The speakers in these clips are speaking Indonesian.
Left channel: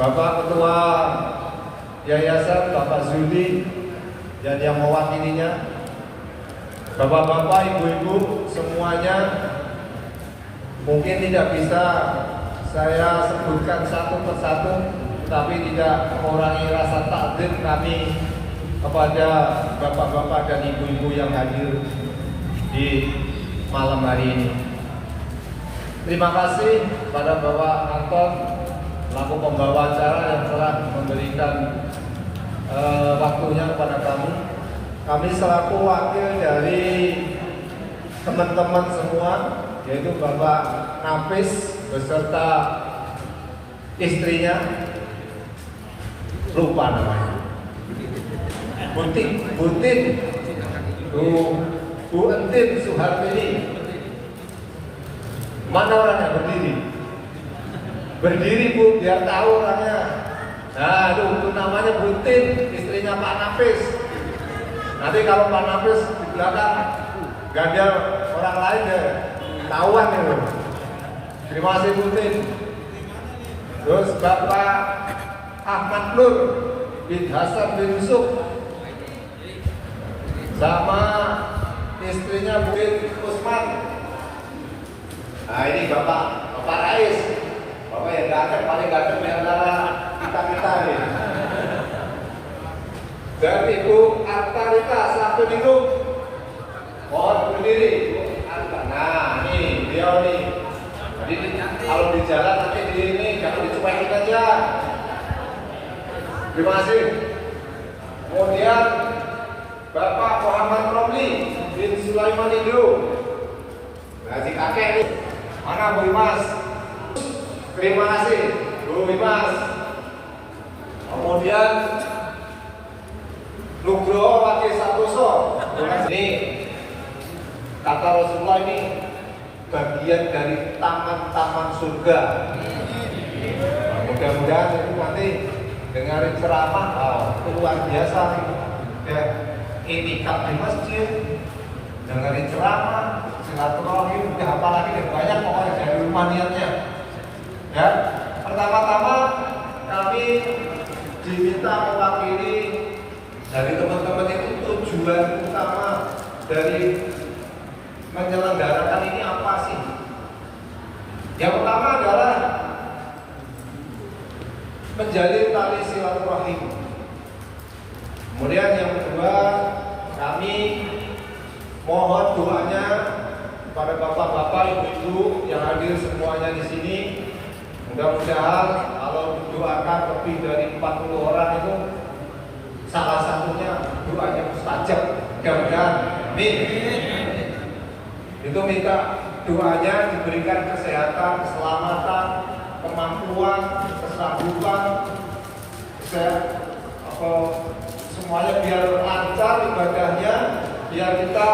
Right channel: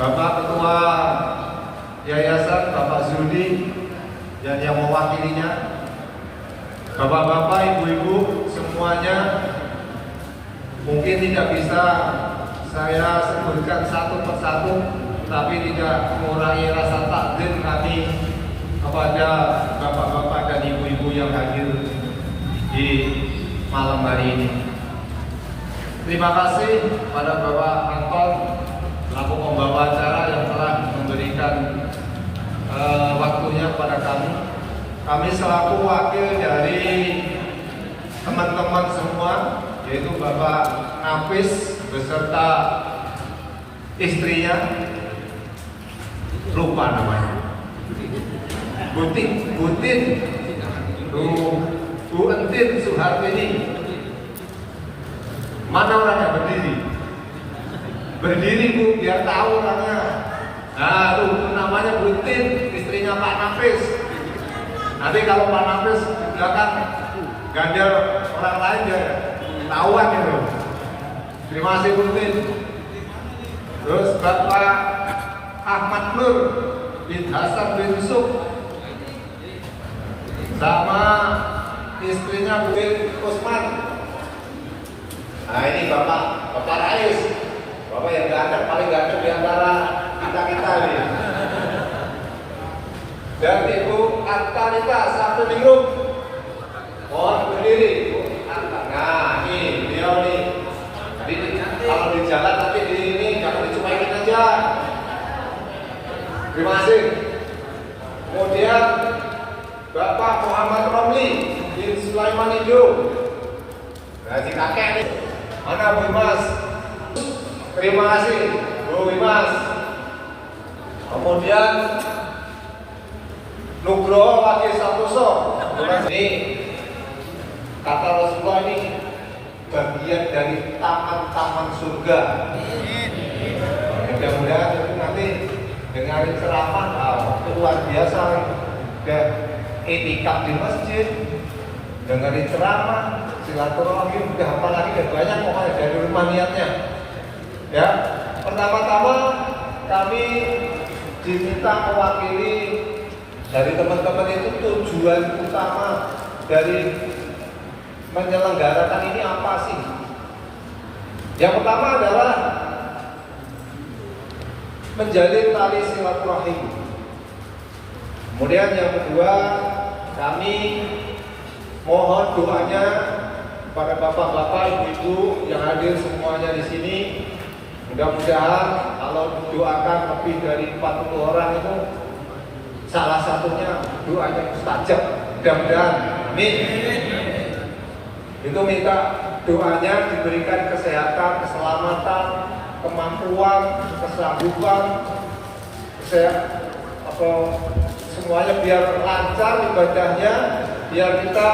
Bapak Ketua Yayasan Bapak Zudi dan yang mewakilinya, Bapak-bapak, ibu-ibu semuanya, mungkin tidak bisa saya sebutkan satu persatu, tapi tidak mengurangi rasa takdim kami kepada bapak-bapak dan ibu-ibu yang hadir di malam hari ini. Terima kasih kepada Bapak Anton selaku pembawa acara yang telah memberikan waktunya kepada kami. Kami selaku wakil dari teman-teman semua, yaitu Bapak Nafis beserta istrinya, lupa namanya, Bu Entin Suhartini. Mana orangnya berdiri? Berdiri Bu, biar tahu orangnya. Nah, itu namanya Bu Entin, istrinya Pak Nafis. Nanti kalau Pak Nafis di belakang ganda orang lain deh, tahuan itu. Terima kasih Bu Entin. Terus Bapak Ahmad Nur bin Hasan bin Suk sama istrinya Bu Usman. Nah ini Bapak Rais, Bapak yang ganteng, paling ganteng di antara kita ini. Dan Ibu Artarita satu di grup, mohon berdiri Bu Arta. Nah ini dia nih. Kalau di jalan nanti di ini jangan dicuekin aja. Terima kasih. Kemudian Bapak Muhammad Romli bin Sulaiman Indo. Ngaji kakek nih. Mana Bu Imas? Terima kasih Bu Imas. Kemudian Nugroho Wakil Sapuso. Ini kata Rasulullah, ini bagian dari taman-taman surga. Mudah-mudahan itu nanti dengarin ceramah, itu luar biasa. Kayak itikaf di masjid, dengarin ceramah, silaturahmi, udah apalagi udah banyak pokoknya dari rumah niatnya. Ya, pertama-tama kami diminta mewakili dari teman-teman itu tujuan utama dari menyelenggarakan ini apa sih? Yang pertama adalah menjalin tali silaturahim. Kemudian yang kedua, kami mohon doanya kepada bapak-bapak, ibu-ibu yang hadir semuanya di sini. Mudah-mudahan kalau mendoakan lebih dari 40 orang itu salah satunya doanya mustajab. Mudah-mudahan, amin. Itu minta doanya diberikan kesehatan, keselamatan, kemampuan, kesanggupan, semuanya biar lancar ibadahnya, biar kita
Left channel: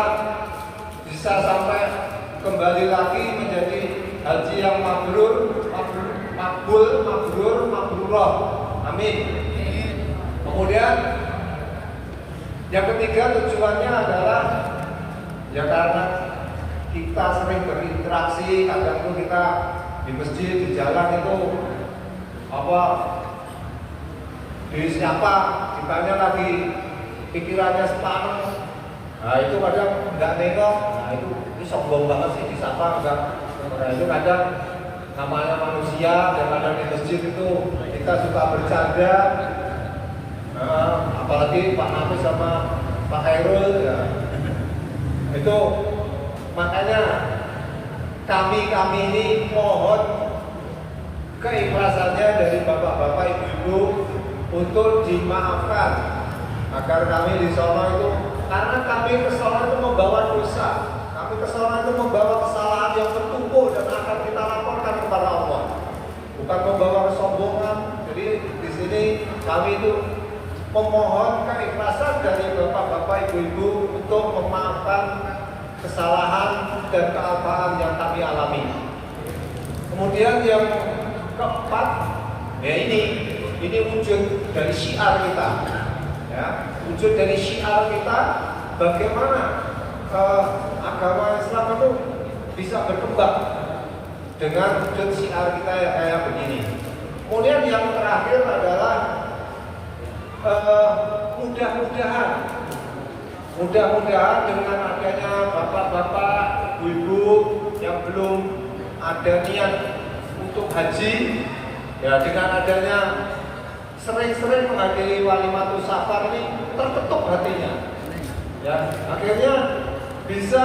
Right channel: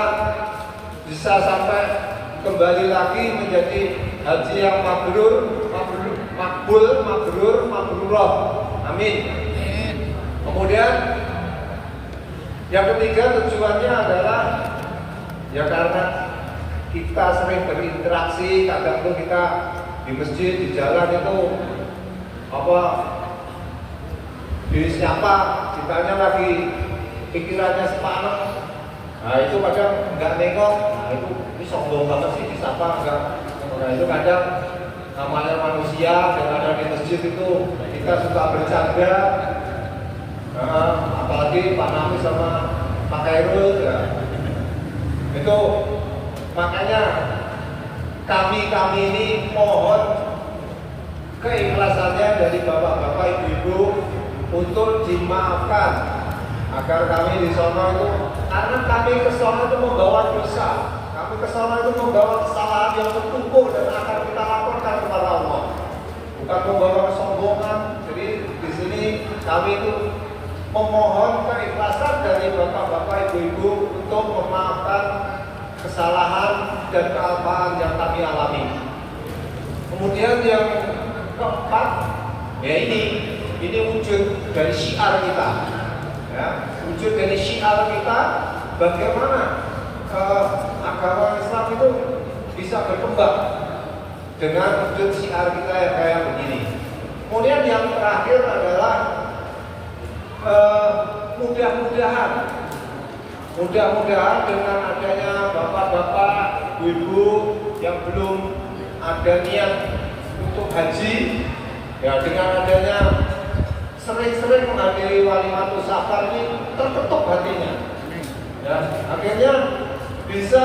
bisa sampai kembali lagi menjadi haji yang mabrurah. Amin. Kemudian yang ketiga tujuannya adalah ya karena kita sering berinteraksi, kadang tuh kita di masjid, di jalan itu disapa, ditanya lagi pikirannya sepanas. Nah itu kadang nggak nengok, nah ini sombong banget sih disapa enggak. Nah itu kadang namanya manusia, dan kadang di masjid itu kita suka bercanda. Nah, apalagi Pak Nafis sama Pak Khairul ya. Itu makanya kami ini mohon keikhlasannya dari bapak-bapak, ibu-ibu untuk dimaafkan agar kami di sana itu, karena kami ke sana itu membawa dosa, kami ke sana itu membawa kesalahan yang bertumpuk dan akan kita laporkan kepada Allah, bukan membawa kesombongan. Jadi di sini kami itu memohon keikhlasan dari bapak-bapak, ibu-ibu untuk memaafkan kesalahan dan kealpaan yang kami alami. Kemudian yang keempat, ya ini wujud dari syiar kita, ya, wujud dari syiar kita bagaimana agama Islam itu bisa berkembang dengan wujud syiar kita yang kayak begini. Kemudian yang terakhir terakhir adalah mudah-mudahan dengan adanya bapak-bapak, ibu yang belum ada niat untuk haji, ya dengan adanya sering-sering menghadiri Walimatul Safar ini terketuk hatinya, ya akhirnya bisa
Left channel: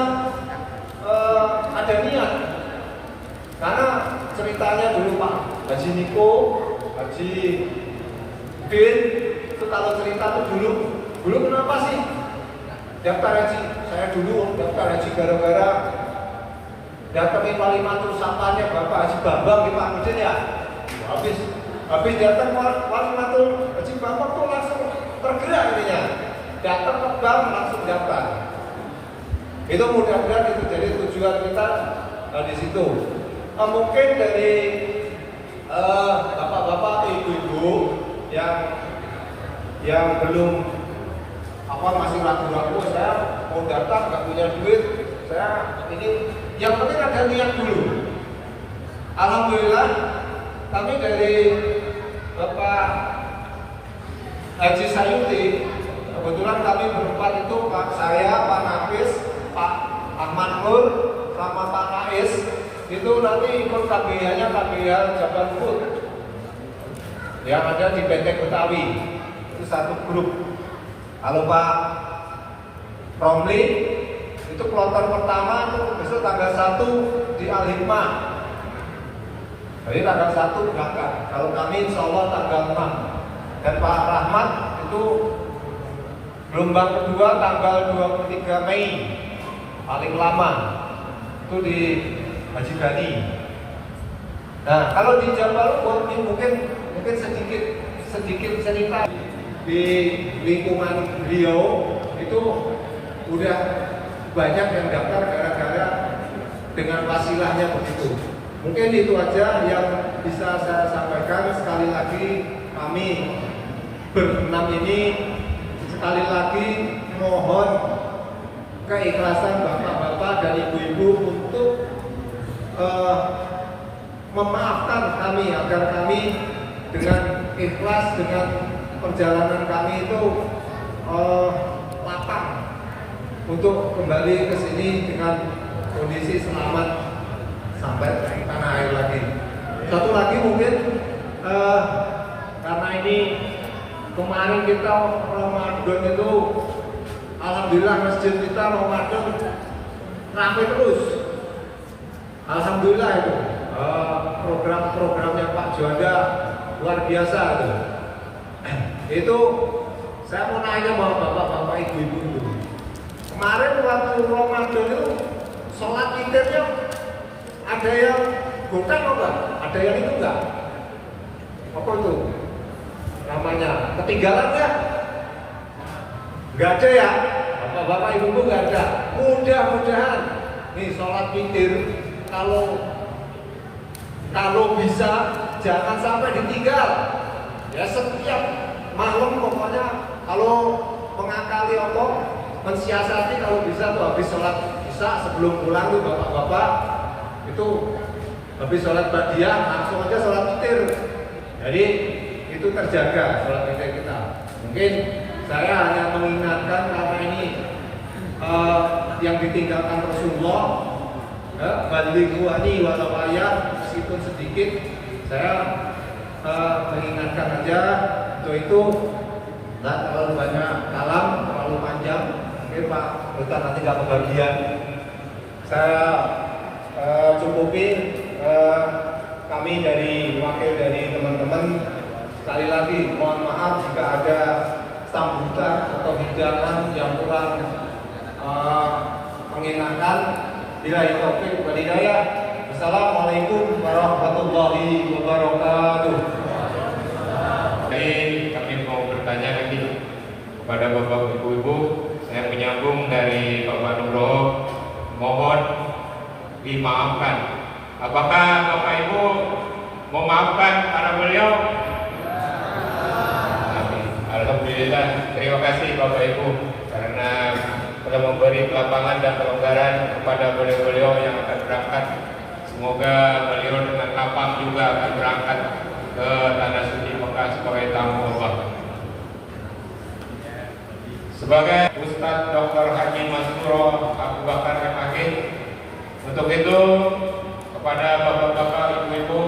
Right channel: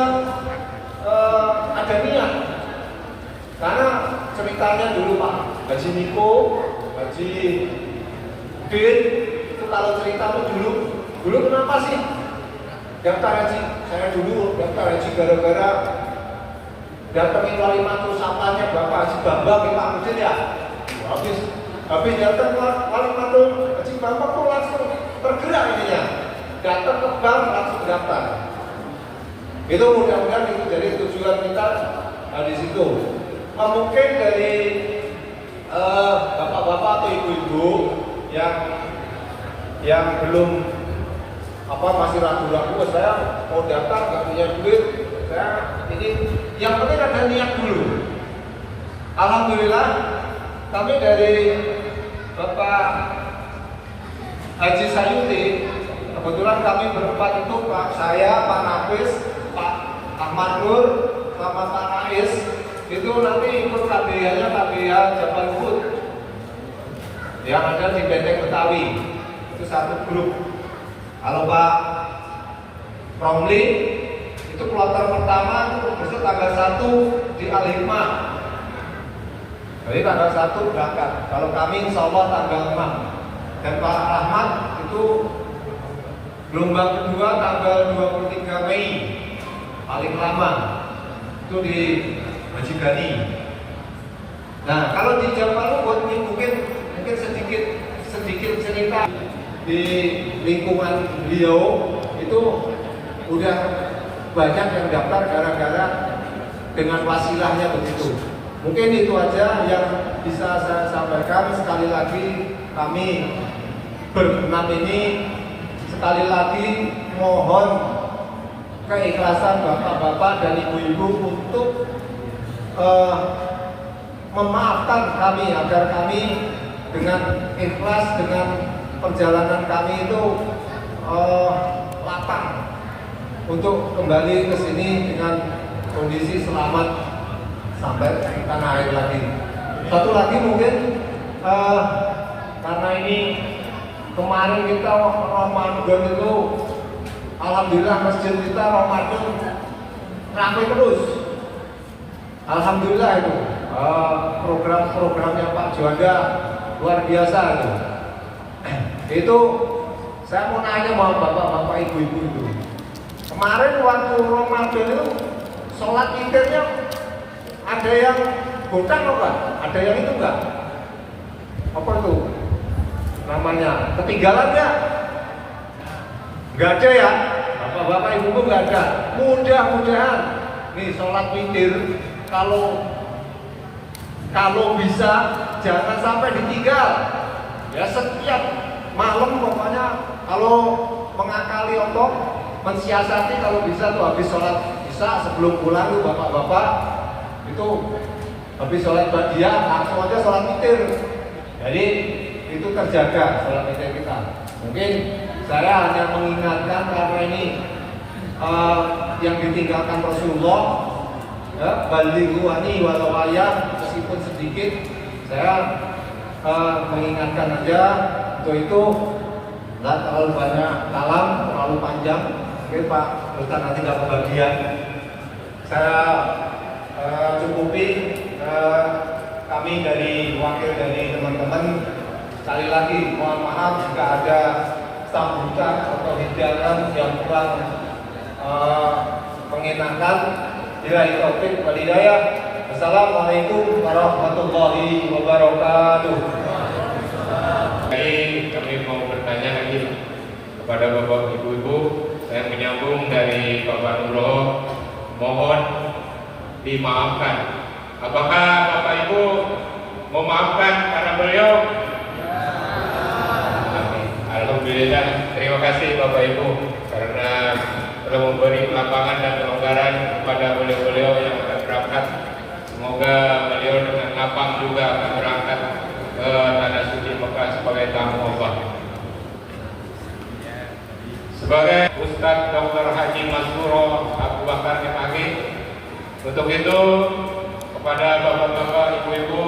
ada niat. Karena ceritanya dulu Pak Haji Niko, Haji Udin itu kalau cerita itu dulu kenapa sih daftar haji? Saya dulu daftar haji gara-gara datangin Walimatul Safarnya Bapak Haji Bambang Pak Udin ya. Habis datang Walimatul Haji Bambang tuh langsung bergerak ininya. Datang ke bank langsung daftar. Itu mudah-mudahan itu jadi tujuan kita di situ. Mungkin dari bapak-bapak atau ibu-ibu yang belum masih ragu-ragu, saya mau daftar nggak punya duit, saya ini yang penting ada niat dulu. Alhamdulillah kami dari Bapak Haji Sayuti, kebetulan kami berempat itu Pak saya, Pak Nafis, Pak Ahmad Nur, sama Pak Nais itu nanti ikut KBH-nya KBH Jaban Food yang ada di Benteng Betawi, itu satu grup. Kalau Pak Romli itu kloter pertama itu besok tanggal 1 di Al-Hikmah. Jadi tanggal 1 berangkat. Kalau kami insya Allah tanggal 6. Dan Pak Ahmad itu gelombang kedua tanggal 23 Mei paling lama itu di Haji Gali. Nah kalau di Jawa Barat mungkin sedikit cerita di lingkungan beliau itu udah banyak yang daftar gara-gara dengan wasilahnya begitu. Mungkin itu aja yang bisa saya sampaikan. Sekali lagi kami berenam ini sekali lagi mohon keikhlasan bapak-bapak dan ibu-ibu untuk memaafkan kami agar kami dengan ikhlas dengan perjalanan kami itu lapang untuk kembali ke sini dengan kondisi selamat sampai tanah air lagi. Satu lagi mungkin karena ini kemarin kita Ramadan itu alhamdulillah masjid kita Ramadan ramai terus. Alhamdulillah itu program-programnya Pak Juanda luar biasa itu. Itu saya mau nanya sama bapak-bapak ibu-ibu itu. Kemarin waktu Ramadan itu sholat idnya ada yang gotang apa? Ada yang itu enggak? Apa itu namanya? Ketinggalan nggak? Nggak ada ya? Bapak-bapak ibu-ibu nggak ada. Mudah-mudahan nih sholat witir kalau bisa jangan sampai ditinggal. Ya setiap malam pokoknya kalau mengakali otot mensiasati kalau bisa tuh habis sholat isya sebelum pulang tuh bapak-bapak itu habis sholat badiah langsung aja sholat witir. Jadi itu terjaga sholat witir kita. Mungkin saya hanya mengingatkan karena ini yang ditinggalkan Rasulullah, balighu anni walau ayat, meskipun sedikit saya mengingatkan aja untuk itu. Nggak terlalu banyak kalam, terlalu panjang. Jadi Pak Ustaz nanti nggak kebagian. Saya cukupi kami dari wakil dari teman-teman. Sekali lagi mohon maaf jika ada sambutan atau hidangan yang kurang mengenakan. Bila itu wal hidayah. Assalamualaikum warahmatullahi wabarakatuh. Kami mau bertanya lagi kepada Bapak Ibu-ibu. Saya menyambung dari Bapak Nugroho, mohon dimaafkan. Apakah Bapak Ibu memaafkan anak beliau? Alhamdulillah, terima kasih Bapak Ibu karena telah memberi lapangan dan kelonggaran kepada beliau-beliau yang akan berangkat. Semoga beliau dengan lapang juga akan berangkat ke tanah suci Mekah sebagai tamu Allah. Sebagai Ustadz Dr. Haji Masuro Abu Bakar MAG, untuk itu kepada bapak-bapak, ibu-ibu,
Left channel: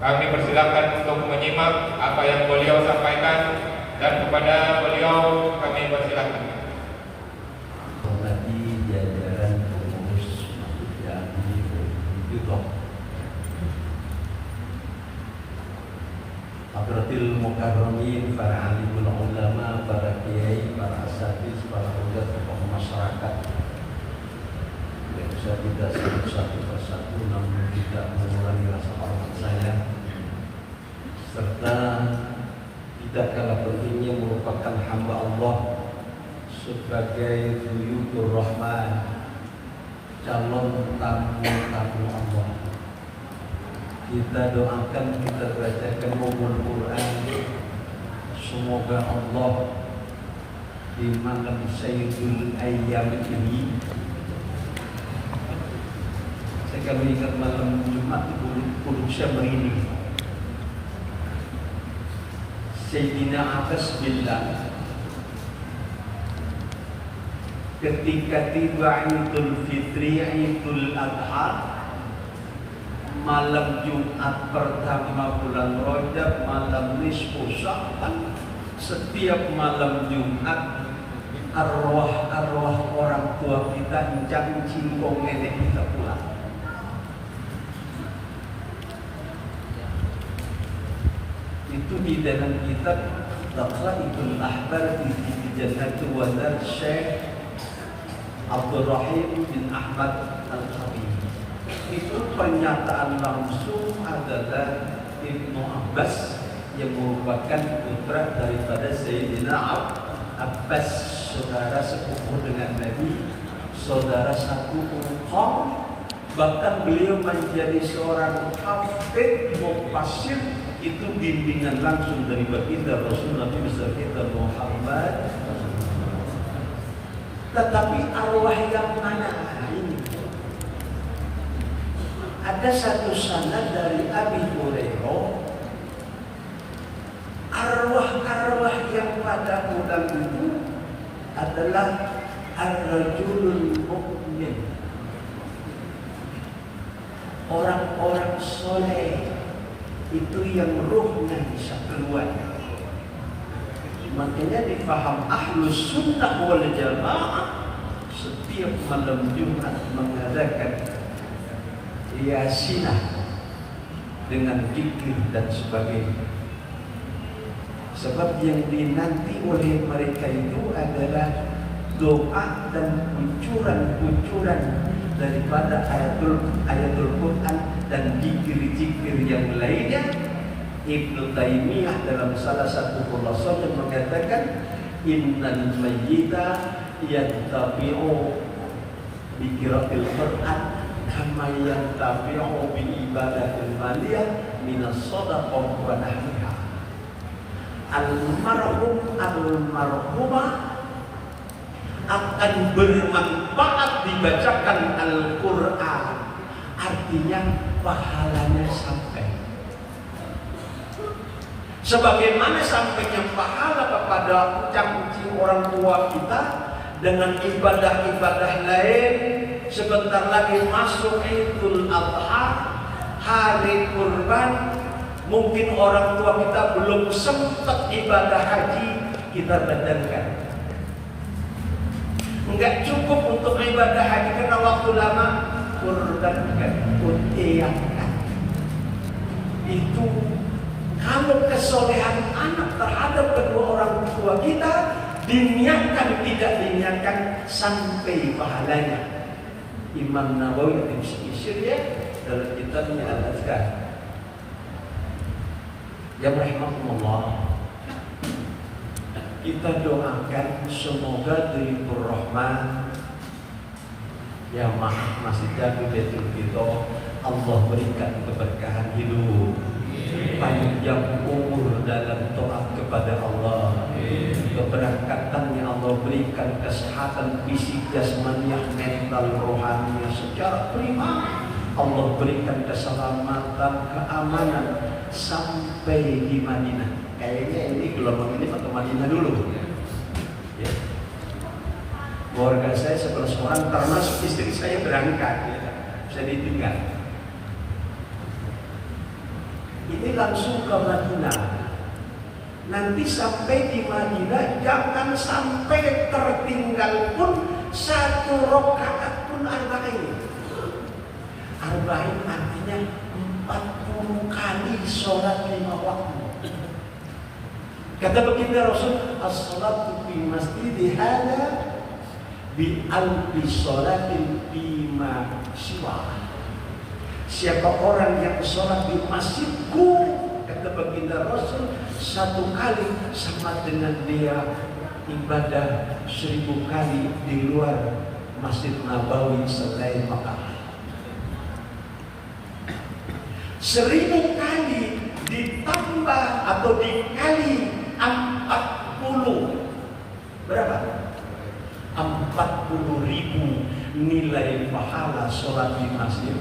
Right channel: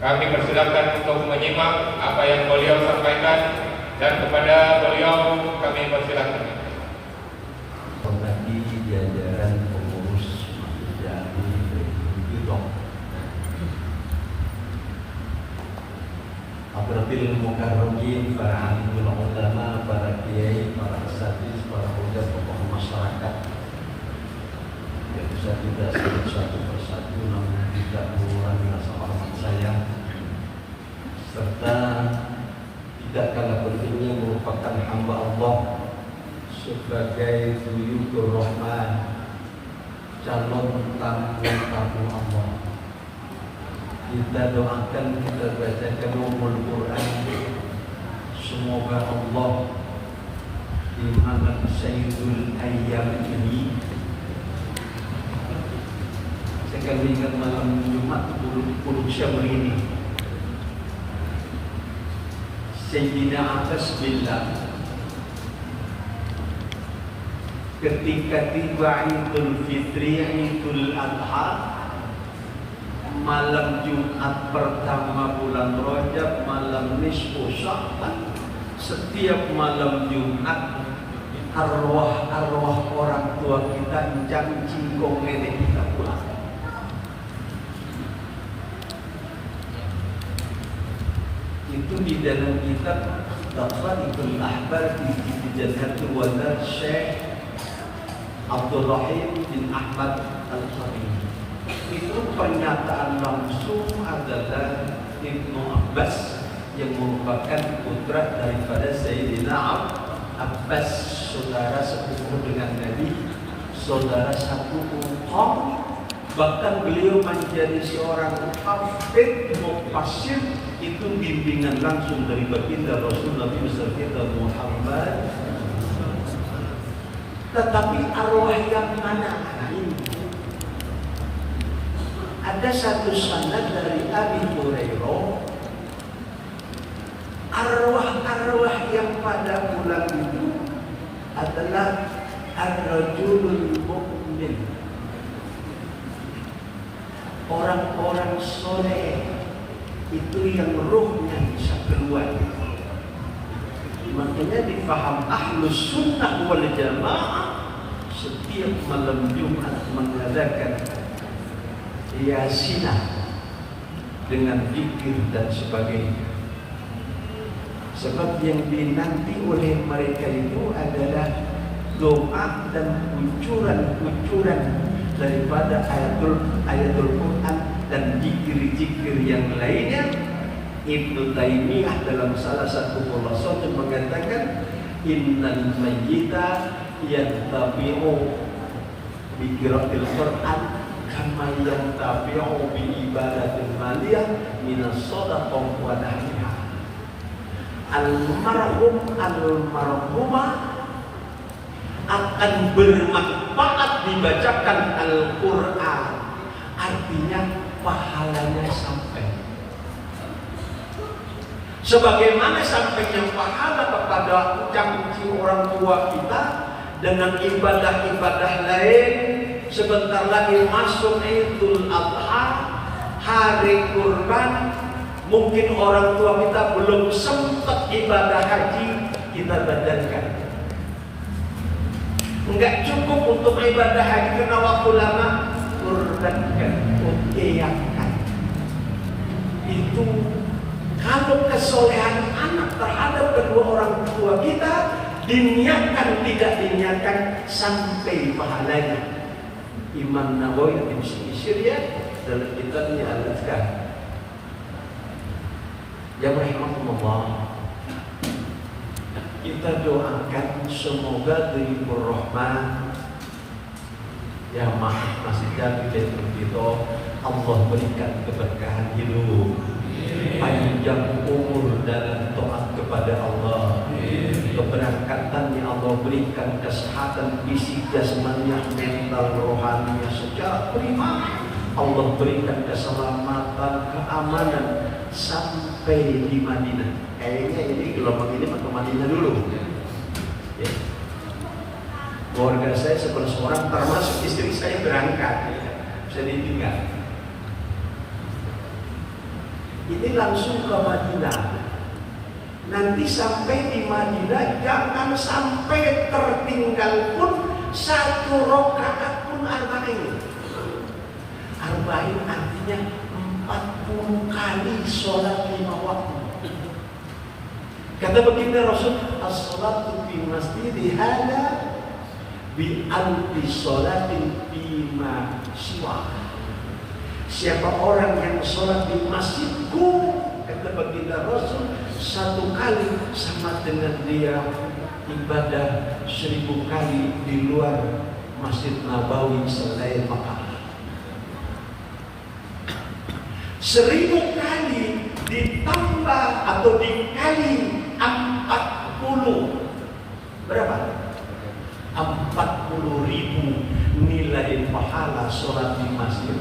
kami persilakan untuk menyimak apa yang beliau sampaikan, dan kepada beliau kami persilakan. Tadi jajaran pengurus jadi YouTube Akrabil Mukarramin, para alimul ulama, para kiai, para asatidz, para pejabat tokoh masyarakat yang bisa tidak sebut satu persatu namun tidak mengurangi rasa hormat saya, serta tidak kalah pentingnya merupakan hamba Allah sebagai Buyutur Rahman, calon tamu-tamu Allah. Kita doakan, kita bacakan umul Quran, semoga Allah di malam Sayyidul Ayyam ini, saya akan ingat malam Jumat 10 Syawal ini, Sayyidina Abbas bilang, ketika tiba Idul Fitri, Idul Adha, malam Jumat pertama bulan Rajab, malam nisfu Sya'ban, setiap malam Jumat arwah-arwah orang tua kita encang cingkong nenek kita pulang. Itu di dalam kitab Taqraibul Ahbar di Jannatul Wadar Syekh Abdul Rahim bin Ahmad Al-Khabib. Itu pernyataan langsung adalah Ibnu Abbas yang merupakan putra daripada Sayyidina Abbas, saudara sepupu dengan Nabi, saudara satu kaum. Bahkan beliau menjadi seorang hafidz mufassir, itu bimbingan langsung dari baginda Rasulullah kita Muhammad. Tetapi arwah yang mana ini? Ada satu sanad dari Abi Hurairah, arwah-arwah yang pada bulan itu adalah ar-rajulul mu'min, orang-orang soleh, itu yang ruhnya bisa keluar. Makanya difaham Ahlus Sunnah wal Jamaah setiap malam Jumat mengadakan Yasinah dengan zikir dan sebagainya. Sebab yang dinanti oleh mereka itu adalah doa dan ucuran-ucuran daripada ayatul Quran dan zikir-zikir yang lainnya. Ibnu Taimiyah dalam salah satu ulasannya mengatakan, innal mayyita yattabi'u bi qiraatil Quran kama yantabi'u bi ibadatil maliyah minas shadaqah wa nahwiha. Almarhum almarhumah akan bermanfaat dibacakan Al-Quran, artinya pahalanya sampai. Sebagaimana sampainya pahala kepada ucapan orang tua kita dengan ibadah-ibadah lain. Sebentar lagi masuk Idul Adha, hari kurban. Mungkin orang tua kita belum sempat ibadah haji, kita batalkan. Enggak cukup untuk ibadah haji karena waktu lama, kurbankan, utiakan. Itu kalau kesolehan anak terhadap kedua orang tua kita diniatkan tidak diniatkan sampai pahalanya. Imam Nawawi di Syria dalam kitabnya Al-Azkar. Ya rahimakumullah, kita doakan semoga Buyutur Rahman yang masih jadi Baitul Fitr, Allah berikan keberkahan hidup, panjang umur dalam taat kepada Allah, keberkatan yang Allah berikan, kesehatan fisik, jasmaniah, mental, rohaniah secara prima. Allah berikan keselamatan, keamanan sampai sampai di Madinah. Kayaknya ini gelombang ini ke Madinah dulu. Ya. Keluarga saya 11 orang termasuk istri saya berangkat, ya. Bisa ditinggal. Ini langsung ke Madinah. Nanti sampai di Madinah jangan sampai tertinggal pun satu rakaat pun arba'in. Arba'in artinya 40 kali sholat 5 waktu. Kata baginda Rasul, as-salatu fi masjidi hada bi alfi sholatin bima siwa. Siapa orang yang sholat di masjidku, kata baginda Rasul, 1 kali sama dengan dia ibadah 1000 kali di luar Masjid Nabawi selain Makkah. 1000 kali ditambah atau dikali 40 berapa? 40.000 nilai pahala sholat di Masjid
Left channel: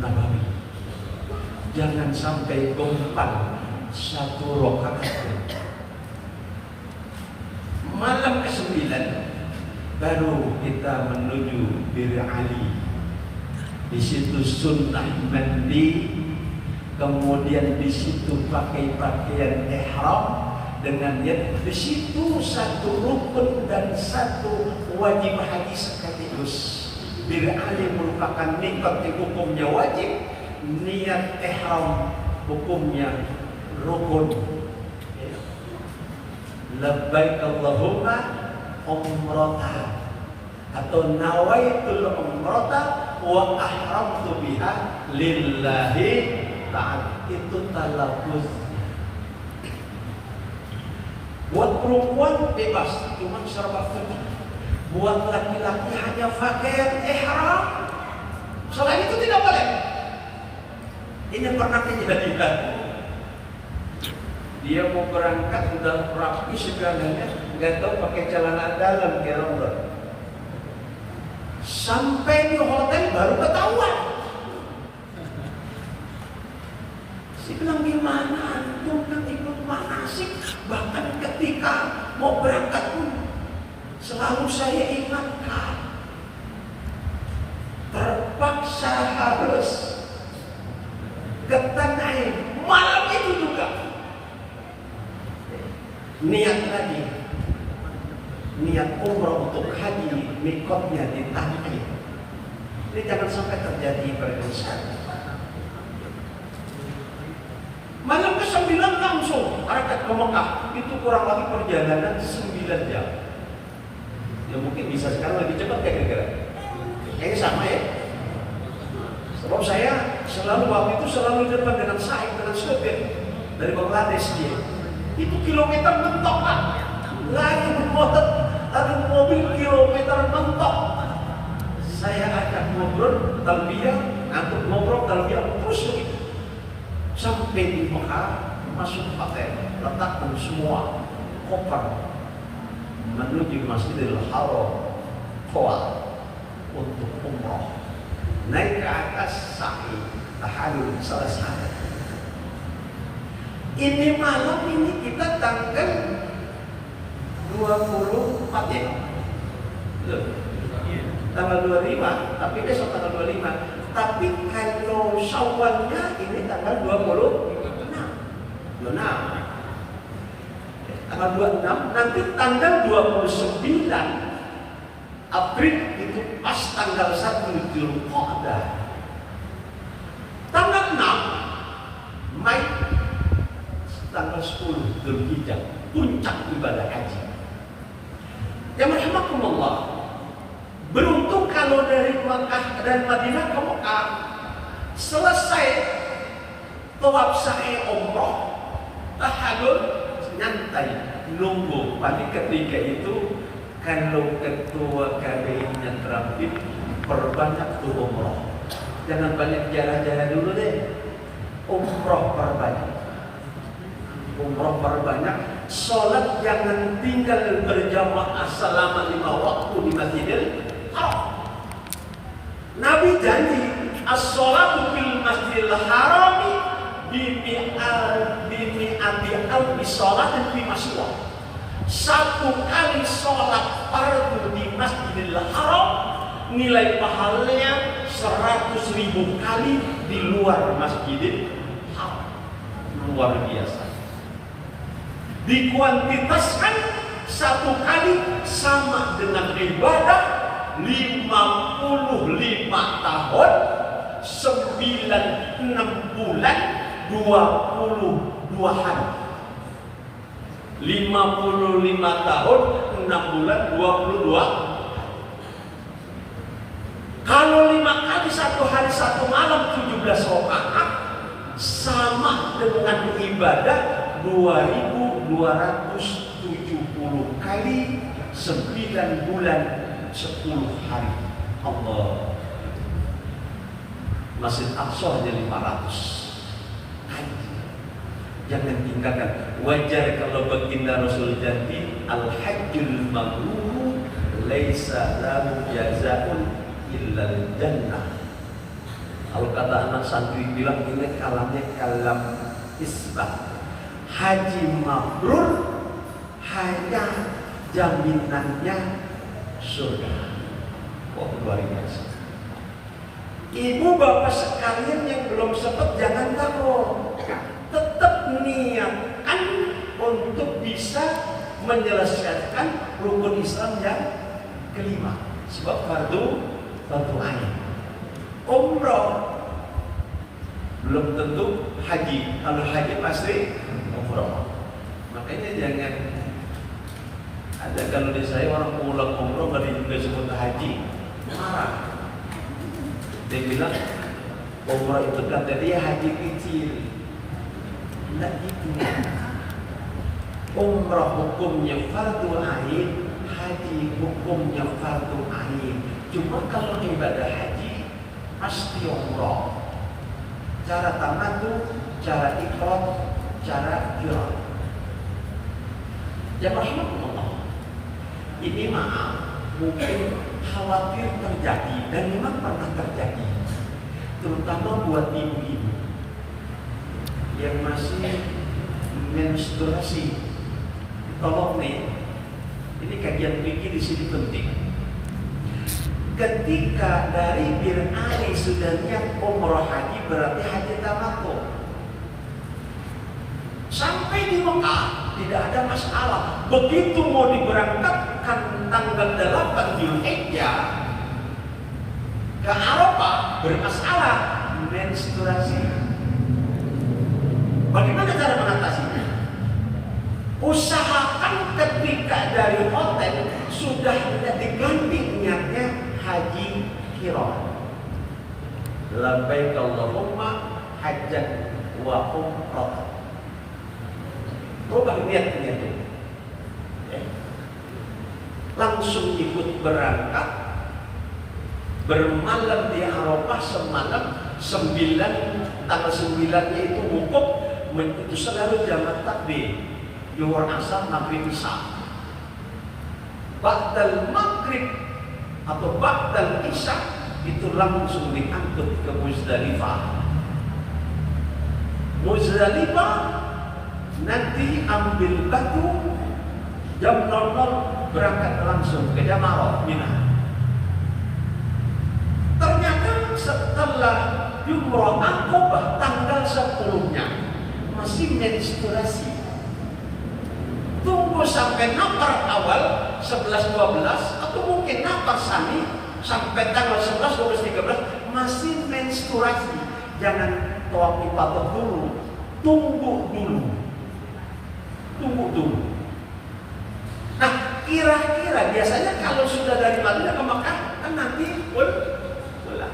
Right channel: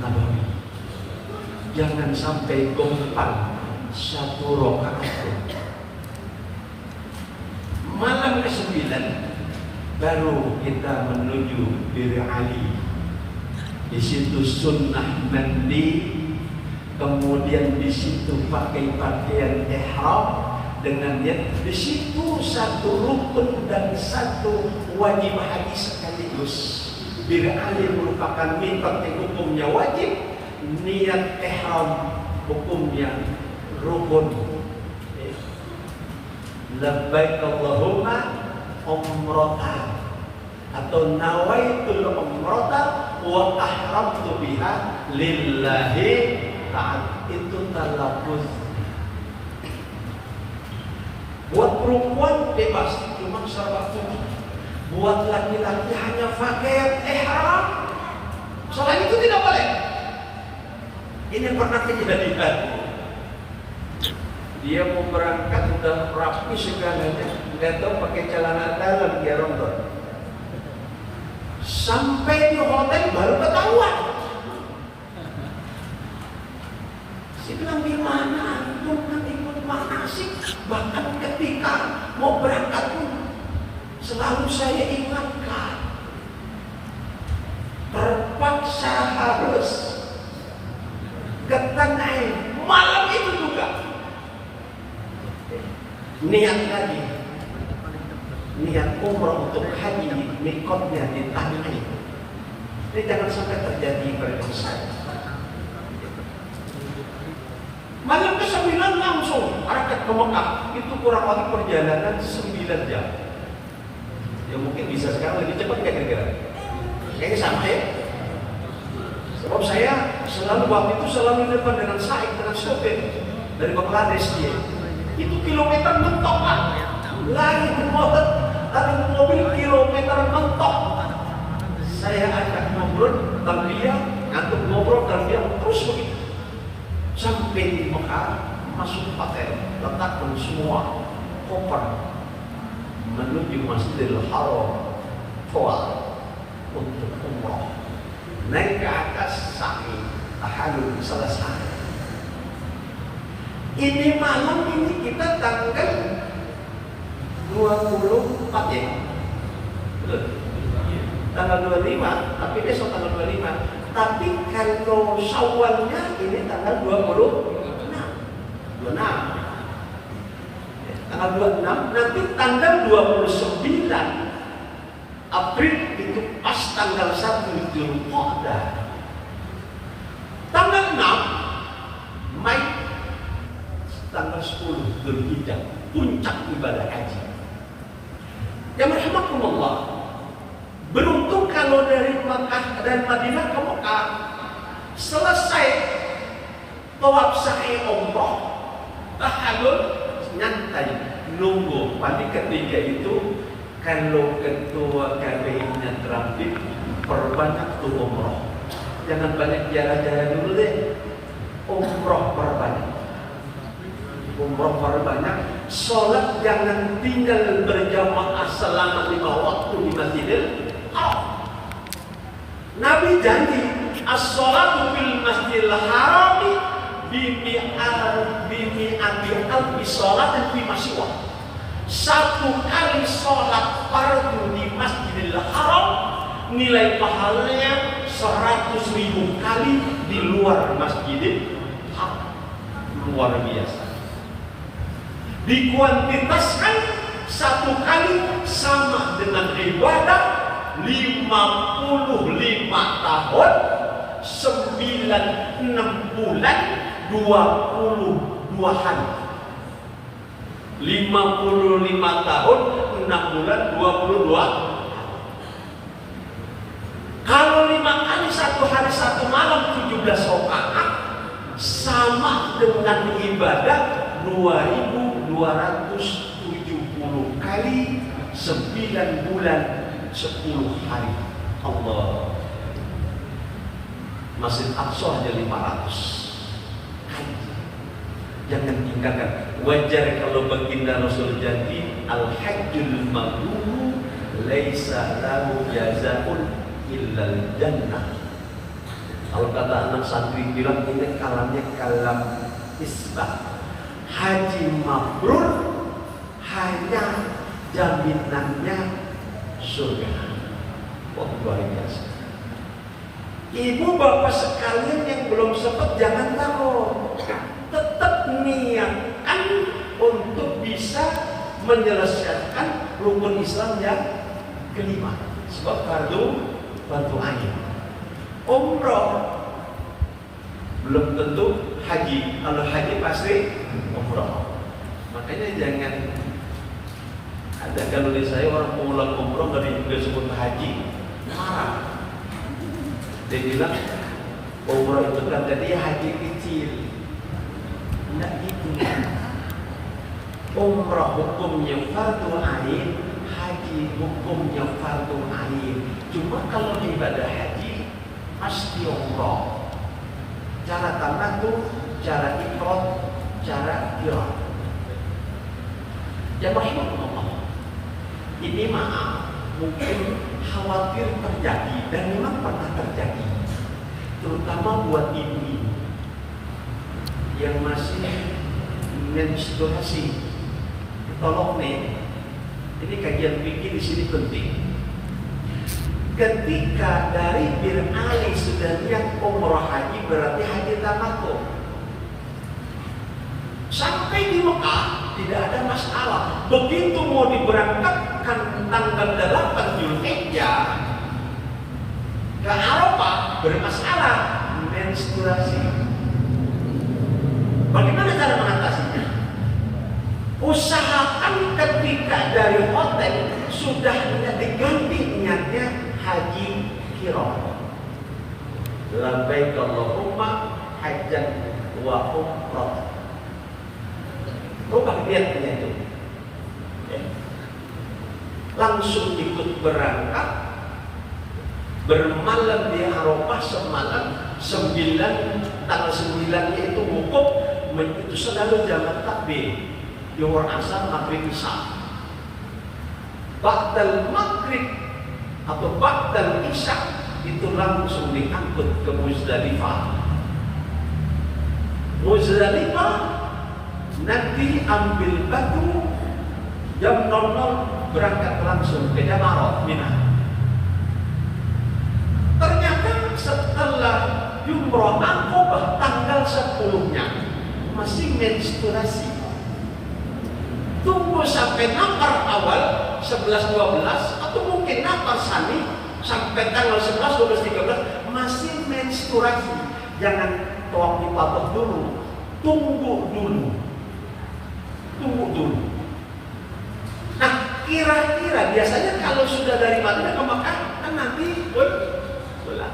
Nabawi. Jangan sampai gompang 1 rakaat. Malam ke-9 baru kita menuju Bir Ali. Di situ sunnah mandi, kemudian di situ pakai pakaian ihram dengan niat. Di situ 1 rukun dan 1 wajib haji sekaligus. Bir Ali merupakan miqat yang hukumnya wajib, niat ihram hukumnya rukun. Labbaik Allahumma umrata atau nawaitul umrata wa ahramtu biha lillahi ta'ala. Itu talaffuz. Buat perempuan bebas, cuma secara waktu. Buat laki-laki hanya pakaian ihram. Selain itu tidak boleh. Ini pernah kejadian. Dia mau berangkat udah rapi segalanya, nggak tahu pakai celana dalam gerondol. Sampai di hotel baru ketahuan. Saya bilang, gimana antum kan ikut manasik, bahkan ketika mau berangkat pun selalu saya ingatkan, terpaksa harus ke Tanah Air malam itu juga. Niat lagi, niat umrah untuk haji, mikotnya di Tanah Air. Ini jangan sampai terjadi pada saya. Malam ke-9 langsung berangkat ke Mekah. Itu kurang lebih perjalanan 9 jam. Ya mungkin bisa sekarang lebih cepat kira-kira. Kayaknya sama ya. Sebab saya selalu waktu itu selalu depan dengan Said, dengan sopir dari Bangladesh dia. Itu kilometer mentok kan, lagi mobil kilometer mentok. Saya ajak ngobrol, talbiyah, ngantuk ngobrol, talbiyah, terus begitu. Sampai di Mekah, masuk hotel, letakkan semua koper menuju Masjidil Haram, Tawaf untuk umrah. Naik ke atas sa'i, tahallul selesai. Ini malam ini kita tanggal 24 ya? Betul? Tanggal 25, tapi besok tanggal 25. Tapi kalau Syawalnya ini tanggal 26. Tanggal 26, nanti tanggal 29 April itu pas tanggal 1 Dzulqa'dah. Tanggal 6 Mei, tanggal 10 Dzulhijjah, puncak ibadah haji. Ya rahimakumullah. Beruntung kalau dari Makkah dan Madinah ke Mekah selesai tawaf sa'i umrah, tahallul, nyantai nunggu pagi ketiga itu. Kalau ketua KBI-nya terampil, perbanyak tuh umrah. Jangan banyak jalan-jalan dulu deh. Umrah perbanyak. Umrah perbanyak. Sholat jangan tinggal berjamaah selama 5 waktu di Masjidil Haram. Nabi janji, as-sholatu fil Masjidil Harami bi sholat fi masyiwah. Satu kali sholat fardu di Masjidil Haram nilai pahalanya 100.000 kali di luar Masjidil Haram. Luar biasa. Dikuantitaskan satu kali sama dengan ibadah 55 tahun 96 bulan 22 hari. 55 tahun 6 bulan 22. Kalau 5 kali satu hari satu malam 17 rakaat sama dengan ibadah 2270 kali 9 bulan 10 hari. Allah. Masjid Aqsa aja 500 kali. Jangan tinggalkan. Wajar kalau baginda Rasul janji al-hajjul mabrur laisa lahu jazaa'un illal jannah. Kalau kata anak santri bilang ini kalamnya kalam isbat. Haji mabrur hanya jaminannya surga. Wah, luar biasa. Ibu bapak sekalian yang belum sempat jangan takut. Tetap niatkan untuk bisa menyelesaikan rukun Islam yang kelima. Sebab fardu ain. Umroh belum tentu haji. Kalau haji pasti umroh. Makanya jangan ada kalau di saya orang pulang umroh nggak disebut haji, marah. Dia bilang umroh itu kan jadi haji kecil. Tidak gitu. Umroh hukumnya fardu ain, haji hukumnya fardu ain. Cuma kalau ibadah haji pasti umroh. Cara tamattu, cara ifrad, cara qiran. Ya rahmatullah. Ini maaf mungkin khawatir terjadi dan memang pernah terjadi. Terutama buat ibu-ibu yang masih menstruasi. Tolong nih, ini kajian fikih di sini penting. Ketika dari Bir Ali sudah niat umrah haji berarti haji tamattu. Sampai di Mekah tidak ada masalah. Begitu mau diberangkatkan tanggal 8 Zulhijjah ke Arafah bermasalah menstruasi. Bagaimana cara mengatasinya? Usahakan ketika dari hotel sudah diganti niatnya haji qiran. Labbaik Allahumma hajjan wa umrah. Rubah niatnya itu. Ya. Langsung ikut berangkat, bermalam di Arafah semalam 9, tanggal 9-nya itu wukuf. Itu selalu jamak takbir. Zuhur, asar, maghrib, isya. Ba'dal maghrib atau ba'dal isya itu langsung diangkut ke Muzdalifah. Muzdalifah nanti ambil batu jam 00 berangkat langsung ke Jama'ah Mina. Ternyata setelah Jumrah Aqabah tanggal 10-nya masih menstruasi. Tunggu sampai nafar awal 11-12 atau mungkin nafar sani sampai tanggal 11, 12, 13 masih menstruasi. Jangan tawaf ifadah dulu. Tunggu dulu. Nah, kira-kira biasanya kalau sudah dari Madinah ke Makkah kan nanti pulang.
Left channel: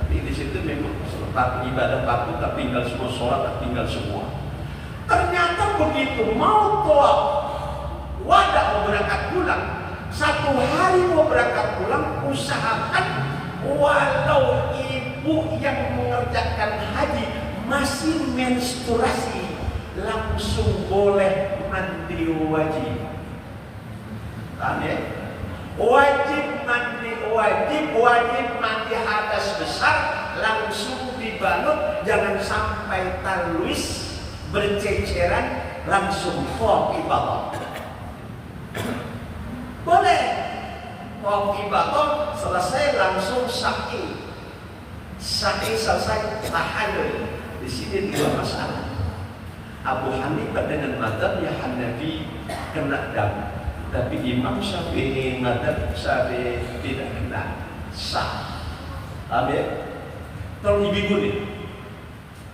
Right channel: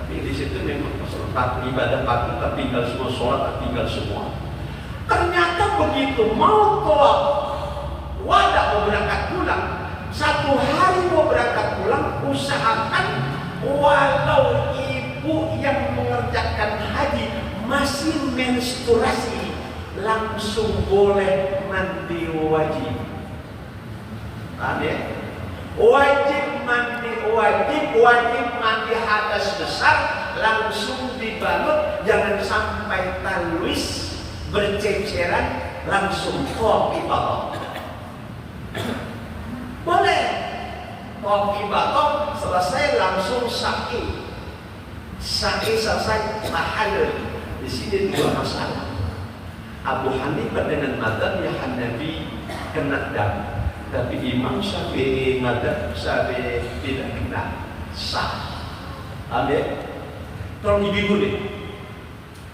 Tapi di situ memang peserta ibadah patuh tertinggal semua, sholat tertinggal semua. Ternyata begitu mau tawaf wada mau berangkat pulang, 1 hari mau berangkat pulang, usahakan walau ibu yang mengerjakan haji masih menstruasi langsung boleh mandi wajib. Paham ya? Wajib mandi hadas besar langsung dibalut, jangan sampai talwis berceceran langsung tawaf ibadah. Boleh tawaf ibadah selesai langsung sa'i. Sa'i selesai tahalul. Di sini dua masalah. Abu Hanifah dengan mazhabnya Hanafi kena dam, tapi Imam Syafi'i mazhab Syafi'i tidak kena, sah. Amin. Tolong ibu nih.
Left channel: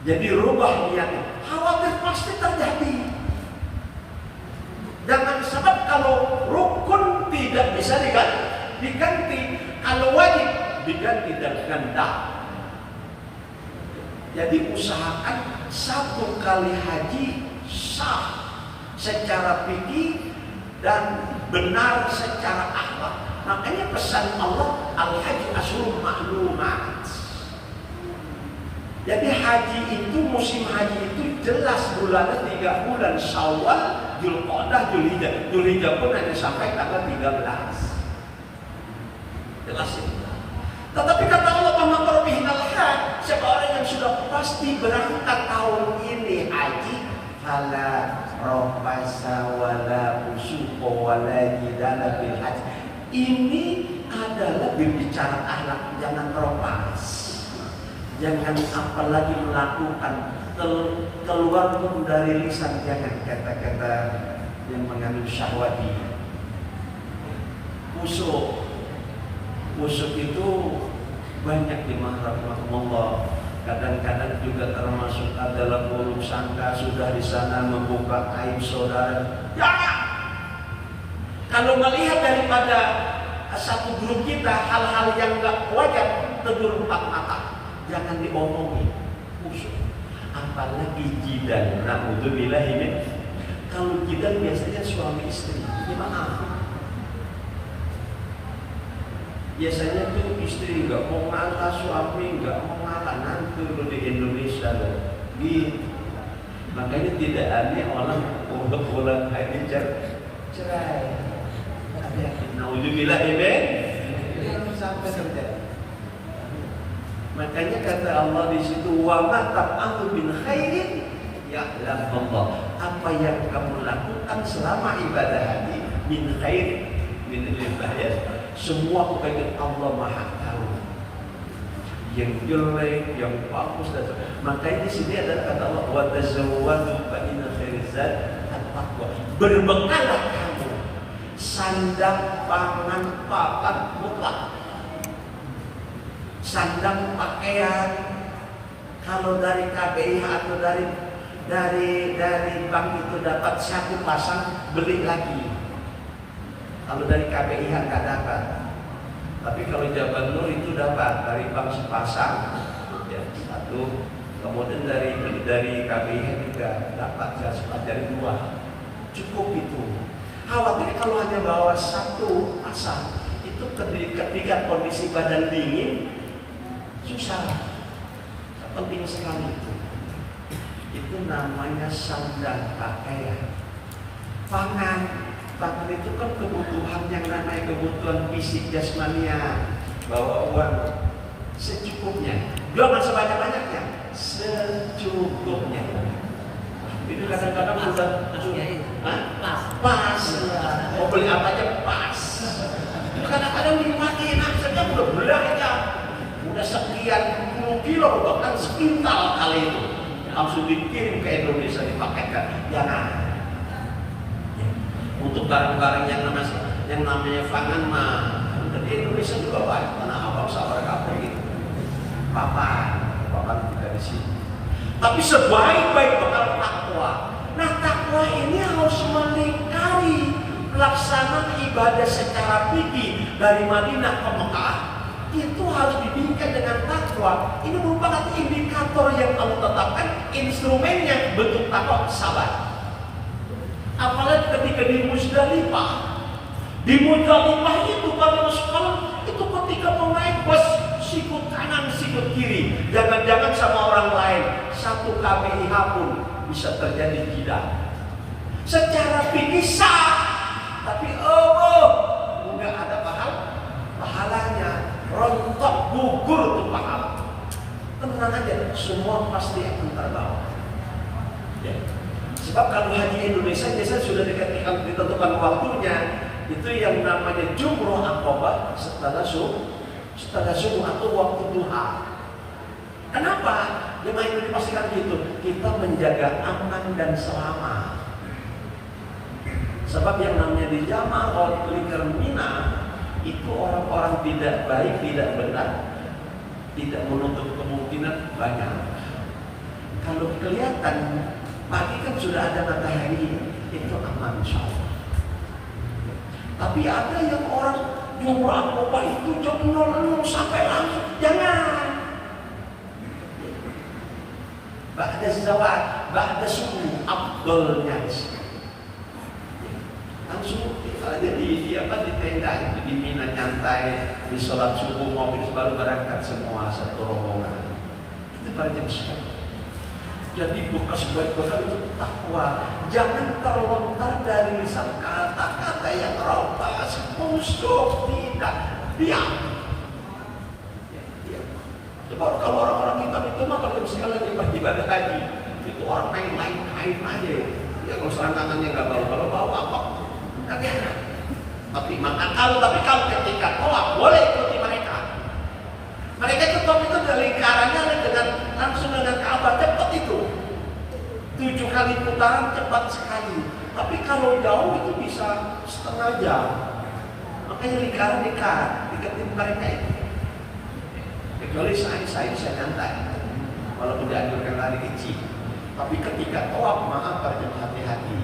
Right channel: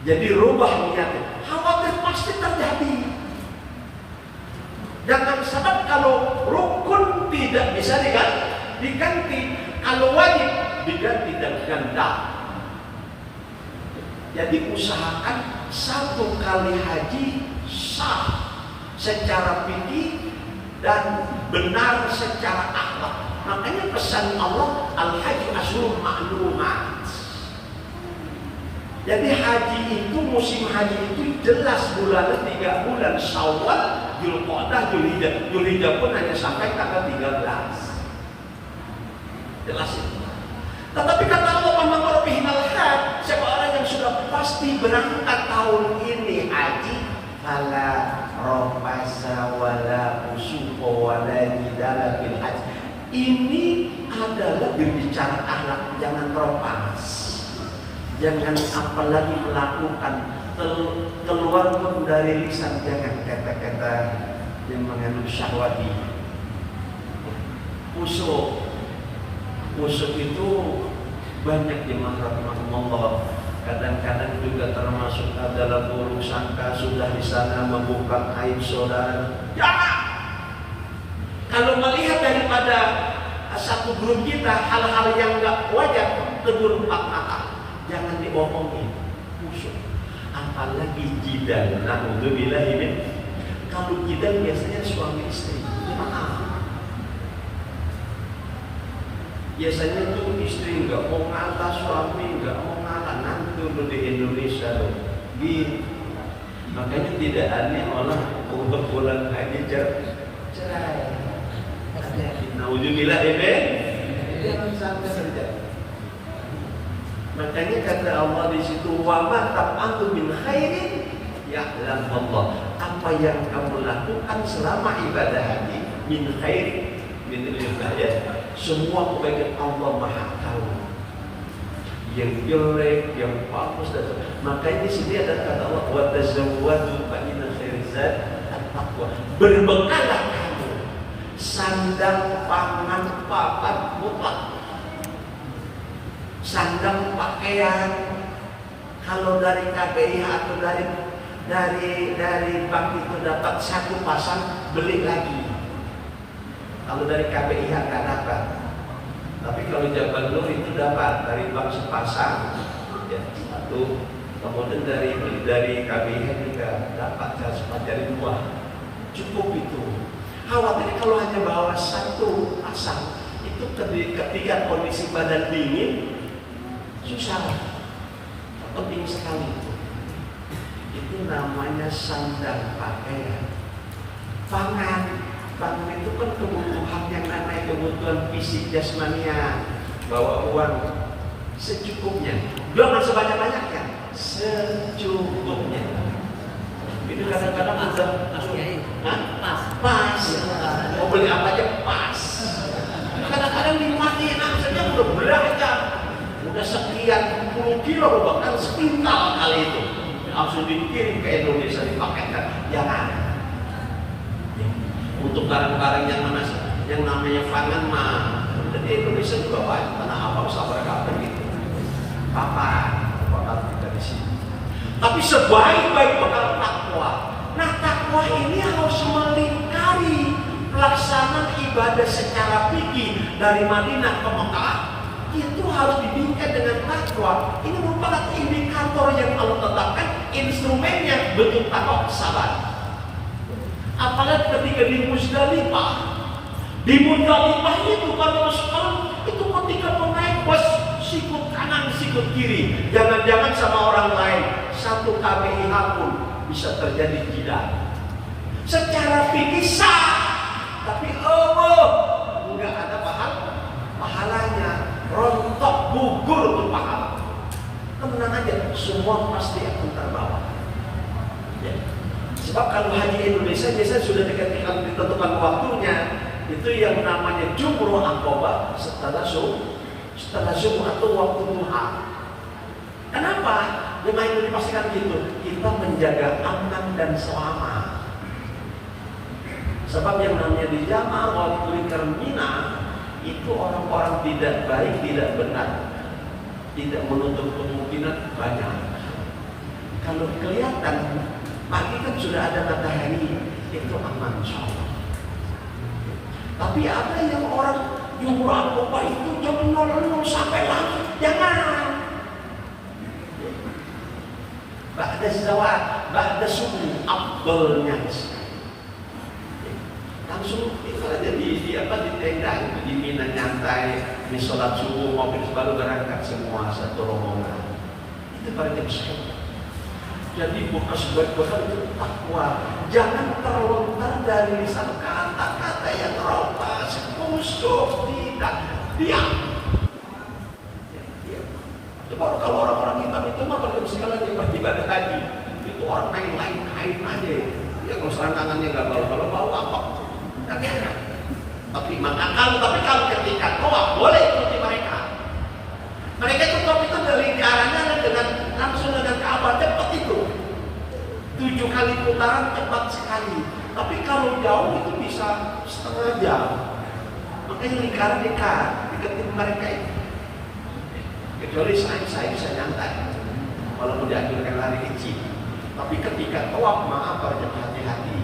Jadi rubah niatnya. Khawatir pasti terjadi. Jangan sebab kalau rukun tidak bisa diganti, kalau wajib diganti dan ganda. Jadi usahakan satu kali haji sah secara fikih dan benar secara akhlak. Makanya pesan Allah, al-haji asyhurun ma'lumat. Jadi haji itu, musim haji itu jelas bulannya 3 bulan, Syawal, Dzulqa'dah, Dzulhijjah. Dzulhijjah pun hanya sampai tanggal 13. Jelas itu. Tetapi kata Allah, "Man qarabihal hajj", siapa orang yang sudah pasti berangkat tahun ini haji, fala rafasa wala fusuqa wala jidala fil hajj. Ini adalah berbicara akhlak, jangan ropas. Jangan apalagi melakukan keluar pun dari lisan, jangan kata-kata yang mengandung syahwati. Usuk itu banyak di rahmatullah. Kadang-kadang juga termasuk adalah buruk sangka, sudah di sana membuka aib saudara. Jangan. Kalau melihat daripada satu grup kita hal-hal yang enggak wajar, tegur 4 mata. Jangan diomongin, usuk. Apalagi jidal. Na'udzubillahi min. Kalau jidal biasanya suami istri. Gimana? Biasanya tuh istri nggak mau ngalah, suami nggak mau ngalah. Nanti lo di Indonesia loh, gitu. Makanya tidak aneh orang untuk bulan haji cerai. Hati-hati. Na'udzubillahi min. Jangan sampai terjadi. Makanya kata Allah di situ, wa ma taf'alu min khairin ya'lam Allah. Apa yang kamu lakukan selama ibadah haji min khair min ibadah, semua kebaikan Allah Maha tahu. Yang jelek, yang bagus dan makanya di sini ada kata Allah, wa tazawwadu fa inna khairaz zadi at-taqwa. Berbekallah kamu sandang, pangan, papan, mutlak. Sandang, pakaian, kalau dari KBI atau dari bank itu dapat 1 pasang, beli lagi. Kalau dari KBI nggak dapat, tapi kalau Jabal Nur itu dapat dari bank sepasang, ya 1. Kemudian dari KBI juga dapat dari 2, cukup itu. Khawatir kalau hanya bawa 1 pasang, itu ketika kondisi badan dingin susah. Penting sekali itu. Itu namanya sandang, pakaian, pangan. Pangan itu kan kebutuhan yang namanya kebutuhan fisik jasmania. Bawa uang secukupnya, jangan sebanyak-banyaknya, secukupnya. Itu kadang-kadang udah pas. Mau beli apa aja pas. Kadang-kadang dimatiin saja udah belanja. Udah sekian puluh kilo, bahkan sepintal kali itu langsung dikirim ke Indonesia, dipakaikan. Jangan. Untuk barang-barang yang namanya pangan mah di Indonesia juga banyak. Mana abang sabar kabar gitu. Papan kita di sini. Tapi sebaik-baik bekal takwa. Nah, takwa ini harus melingkari pelaksanaan ibadah secara fikih dari Madinah ke Mekah. Itu harus dibingkai dengan takwa. Ini merupakan indikator yang Allah tetapkan, instrumennya bentuk takwa, sabar. Apalagi ketika di Muzdalifah. Di Muzdalifah itu pada sekarang itu ketika mau naik bus, sikut kanan, sikut kiri. Jangan-jangan sama orang lain, 1 kbih pun bisa terjadi tidak. Secara fikih sah, tapi enggak ada pahalanya. Rontok, gugur tuh pahala. Tenang aja, semua pasti akan terbawa. Ya. Sebab kalau haji Indonesia biasanya sudah dekat ditentukan waktunya, itu yang namanya jumroh akobah setelah subuh atau waktu duha. Kenapa? Jemaah itu dipastikan gitu, kita menjaga aman dan selamat. Sebab yang namanya di Jama'ah Lingkar Mina itu orang-orang tidak baik, tidak benar, tidak menutup kemungkinan banyak. Kalau kelihatan pagi kan sudah ada matahari, itu aman insyaallah. Tapi ada yang orang jumroh akobah itu jam 00 sampai langsung, jangan. Ba'da zawal, ba'da subuh, afdalnya langsung kalau di tenda itu di Mina nyantai, di sholat subuh mobil baru berangkat semua satu rombongan. Itu pada jam 10. Jadi bekas bekal itu takwa. Jangan terlontar dari lisan kata-kata yang roba, musuh, tidak, diam. Sebab kalau orang-orang hitam itu mah kalau misalnya ibadah haji, itu orang main-main kain aja. Ya kalau serangannya nggak bau, kalau bau apa? Nggak enak. Tapi kalau ketika tawaf boleh ikuti mereka. Mereka itu tawaf itu dari lingkarannya dengan langsung dengan Ka'bah cepat itu. 7 kali putaran cepat sekali. Tapi kalau jauh itu bisa setengah jam. Makanya lingkaran deketin mereka itu. Kecuali saya bisa nyantai, walaupun dianjurkan lari kecil. Tapi ketika tawaf, maaf hati-hati.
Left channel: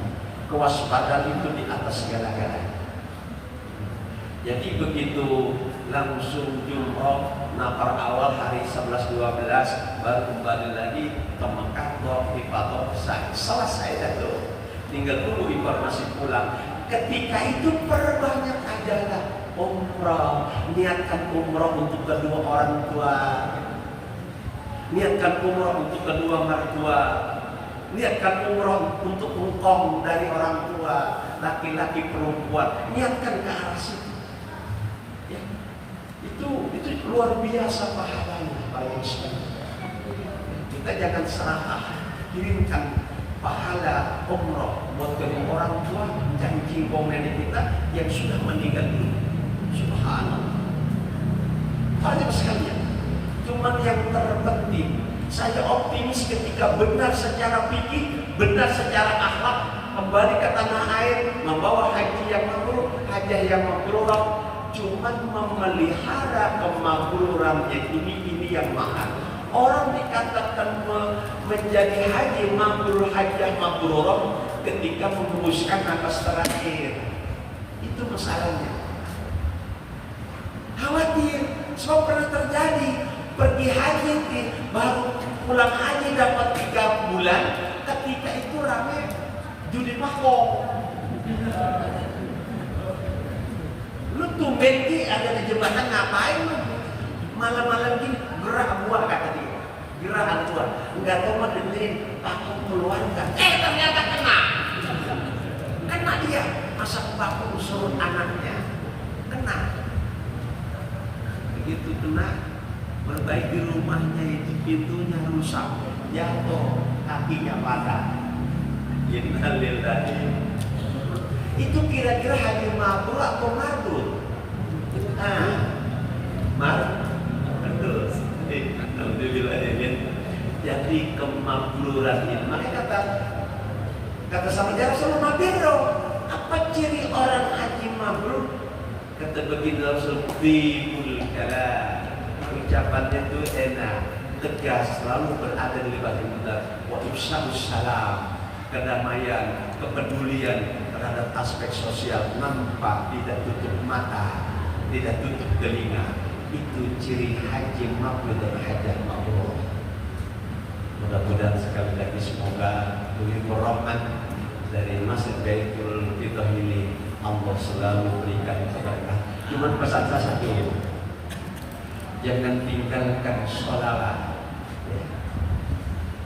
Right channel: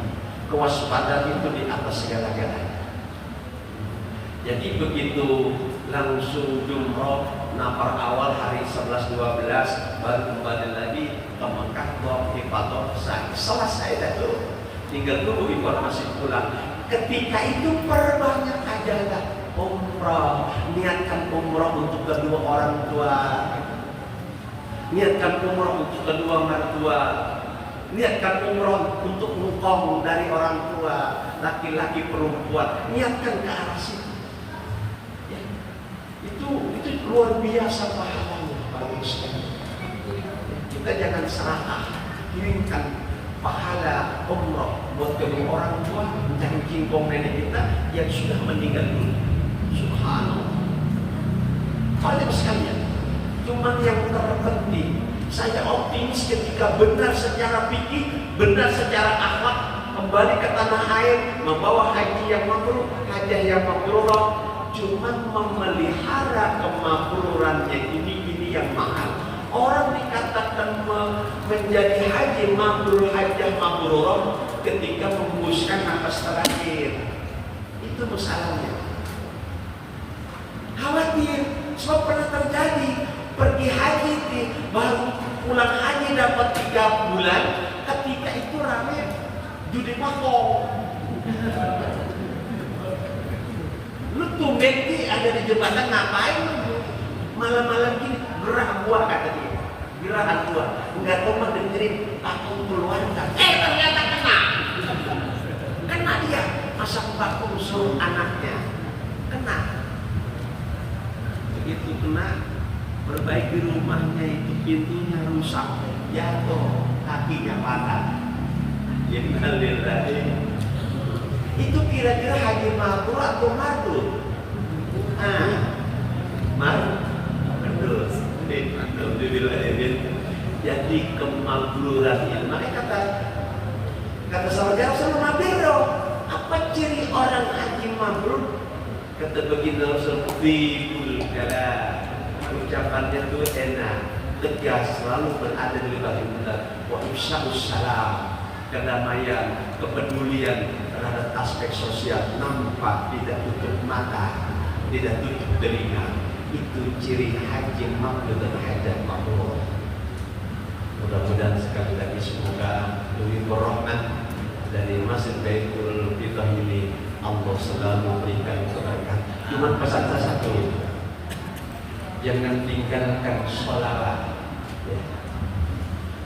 Kewaspadaan itu di atas segala-galanya. Jadi begitu langsung jumroh nafar awal hari 11-12 baru kembali lagi ke Mekah, tawaf ifadah selesai itu. Tinggal tunggu informasi pulang. Ketika itu perbanyak ajalah umrah, niatkan umrah untuk kedua orang tua, niatkan umrah untuk kedua mertua, niatkan umrah untuk engkong dari orang tua, laki-laki perempuan, niatkan ke arah situ. Ya. Itu luar biasa pahalanya bagi sekalian. Kita jangan serakah, kirimkan pahala umrah buat kedua orang tua dan jingkong nenek kita yang sudah meninggal dulu. Subhanallah. Kalian sekalian, cuman yang terpenting saya optimis ketika benar secara fikih, benar secara akhlak, kembali ke tanah air, membawa haji yang mabrur, hajah yang mabrurah, cuman memelihara kemakrurannya ini yang mahal. Orang dikatakan menjadi haji mabrur, hajah mabrurah ketika menghembuskan nafas terakhir. Itu masalahnya. Khawatir, sebab pernah terjadi pergi haji baru pulang haji dapat 3 bulan, ketika itu rame judi makong. Lu tumben ada di jembatan ngapain lu? Malam-malam gini gerah gua kata dia, gerahan gua. Enggak tahu mah dengerin aku keluarga. Ternyata kena dia masak vakum suruh anaknya kena. Begitu kena, perbaiki rumahnya itu pintunya rusak, jatuh, kakinya patah. Innalillahi. Itu kira-kira haji mabrur atau mardud? Mardud. Alhamdulillah ya. Jadi kemabruran ini. Makanya kata sama jarak sama mabiro. Apa ciri orang haji mabrur? Kata begini Rasul, tibul kalam, ucapannya itu enak, tegas, selalu berada di libat kita. Wa ifsya'us salam, kedamaian, kepedulian terhadap aspek sosial, nampak, tidak tutup mata, tidak tutup telinga. Itu ciri haji mabrur dan hajah mabrur. Mudah-mudahan sekali lagi semoga demi rahmat dari Masjid Baitul Qiblah ini Allah selalu berikan berkah. Cuma pesan saya satu, jangan tinggalkan sholawat.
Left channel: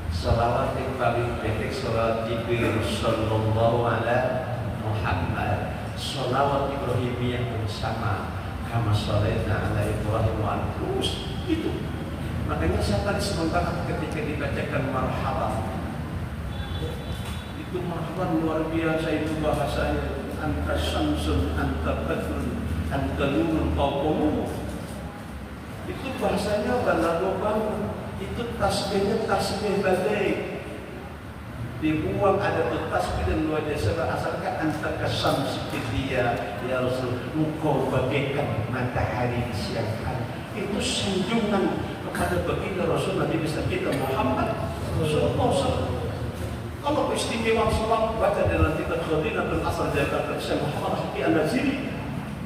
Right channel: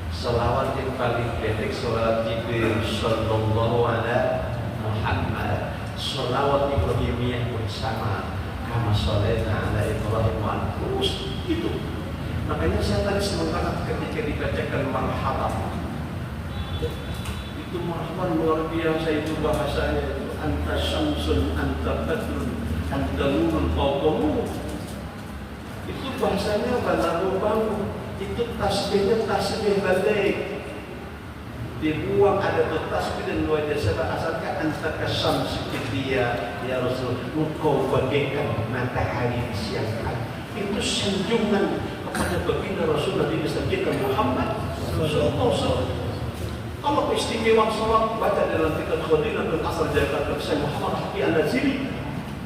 Sholawat yang paling pendek sholawat Jibril Sallallahu Alaihi Muhammad. Sholawat Ibrahimiyah pun sama, kama sholaina ala Ibrahim wa terus itu. Makanya saya tadi senang banget ketika dibacakan marhaban. Itu Quran luar biasa itu bahasanya itu. Anta syamsun, anta badrun, anta nurun, fawqa. Itu bahasanya balago bangun. Itu tasbihnya tasbih balik. Dibuang ada tuh tasbih dan luar biasa asalkan anta kasam seperti dia ya Rasul, engkau bagaikan matahari di siang hari. Itu sanjungan kepada baginda Rasul Nabi besar kita Muhammad sallallahu alaihi wasallam. Kalau istimewa salawat baca dalam kitab Khadinatul Asr Jakarta Syekh Muhammad Hafiz Al-Naziri,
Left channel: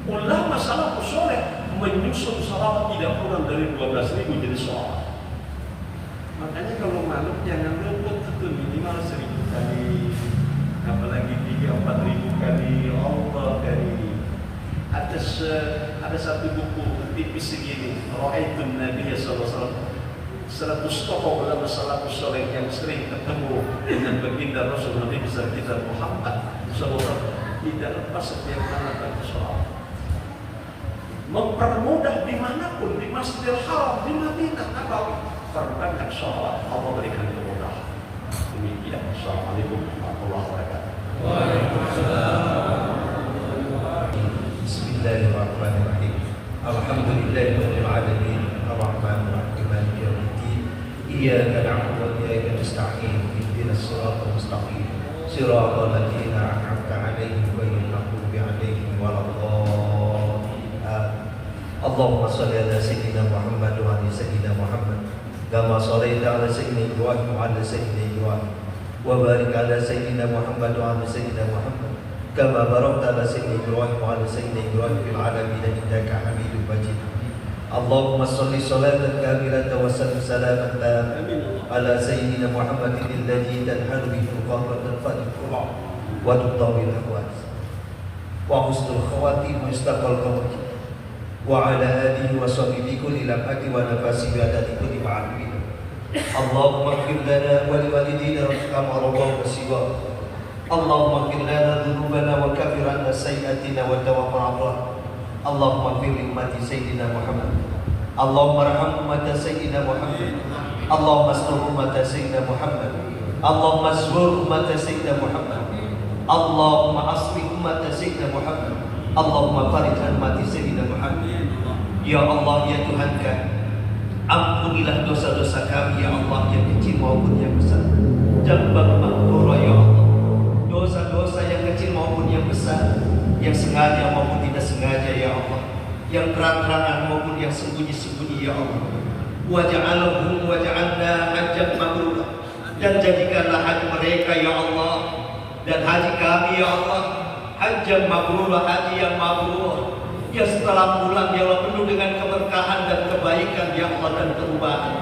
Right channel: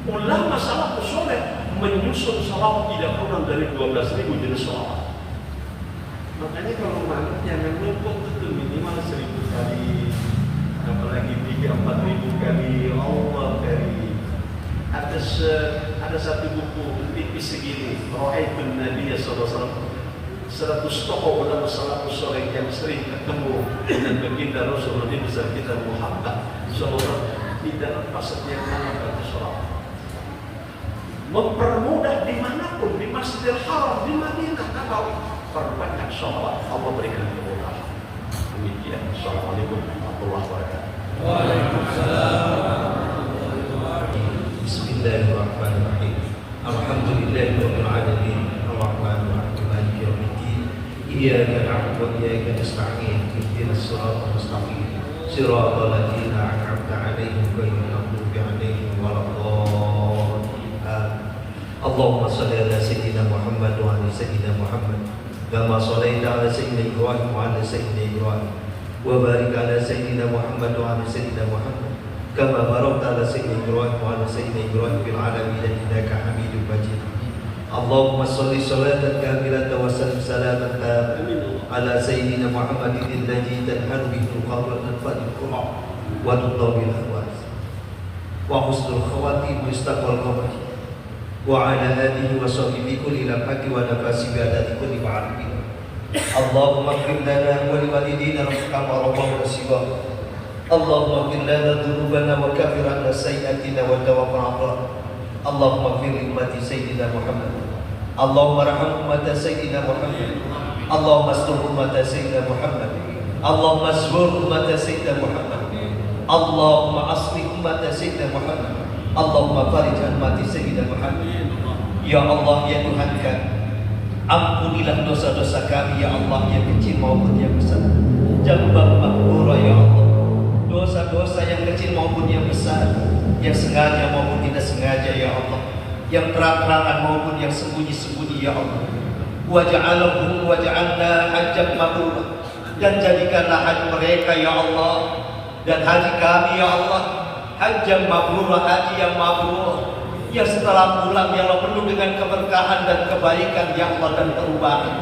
ulama salafus saleh menyusun salawat tidak kurang dari 12.000 jenis salawat. Makanya kalau malam jangan lupa itu minimal 1.000 kali, apalagi 3-4.000 kali Allah kali. Ada satu buku tipis segini, Ra'aitun Nabi sallallahu alaihi wasallam, 100 tokoh ulama salafus saleh yang sering ketemu dengan baginda Rasul Nabi besar kita Muhammad sallallahu alaihi wasallam, tidak lepas setiap mana baca salawat. Mempermudah dimanapun, di Masjidil Haram, di Madinah, Nabawi, perbanyak salawat. Allah berikan kemudahan. Demikian. Assalamualaikum warahmatullahi wabarakatuh. Waalaikumsalam. Bismillahirrahmanirrahim. Alhamdulillahirabbil alamin. Arrahmanir rahim. Maliki yaumiddin. Iyyaka na'budu wa iyyaka nasta'in. Ihdinas siratal mustaqim. Siratal ladzina an'amta 'alaihim ghairil maghdubi 'alaihim waladdallin. Allahumma shalli ala sayyidina Muhammad wa ala sayyidina Muhammad kama shallaita ala sayyidina Ibrahim wa ala sayyidina Ibrahim wa barik ala sayyidina Muhammad wa ala sayyidina Muhammad kama barakta ala sayyidina Ibrahim wa ala sayyidina Ibrahim fil alamin innaka Hamidum Majid. Allahumma shalli shalatan kamilatan wa sallim salaman taman ala sayyidina Muhammadin alladhi tanhalu bihi qawlatan fadhkurah wa tudawil ahwas wa husnul khawatim wa istaqbal qawmi wa ala alihi wa sahbihi kulli lamhati wa nafasi bi adadi kulli ma'arifin. Allahumma ighfir lana wa li walidina kama rabbana siwa. Allahumma ighfir lana dhunubana wa kaffir 'anna sayyi'atina wa tawaffana. Allahumma ighfir li ummati sayyidina Muhammad. Allahumma arham ummata sayyidina Muhammad. Allahumma astur ummata sayyidina Muhammad. Allahumma astur ummata sayyidina Muhammad. Allahumma aslih ummata sayyidina Muhammad. Allahumma farij an mati sayyidina Muhammad. Ya Allah, ya Tuhan kami, ampunilah dosa-dosa kami ya Allah, yang kecil maupun yang besar. Jambal maghfura ya Allah. Dosa-dosa yang kecil maupun yang besar, yang sengaja maupun tidak sengaja ya Allah, yang terang-terangan maupun yang sembunyi-sembunyi ya Allah. Waj'alna hajjat mabrur, dan jadikanlah haji mereka ya Allah, dan haji kami ya Allah hajjat mabrur, haji yang mabrur, yang setelah pulang ya Allah penuh dengan keberkahan dan kebaikan ya Allah dan perubahan.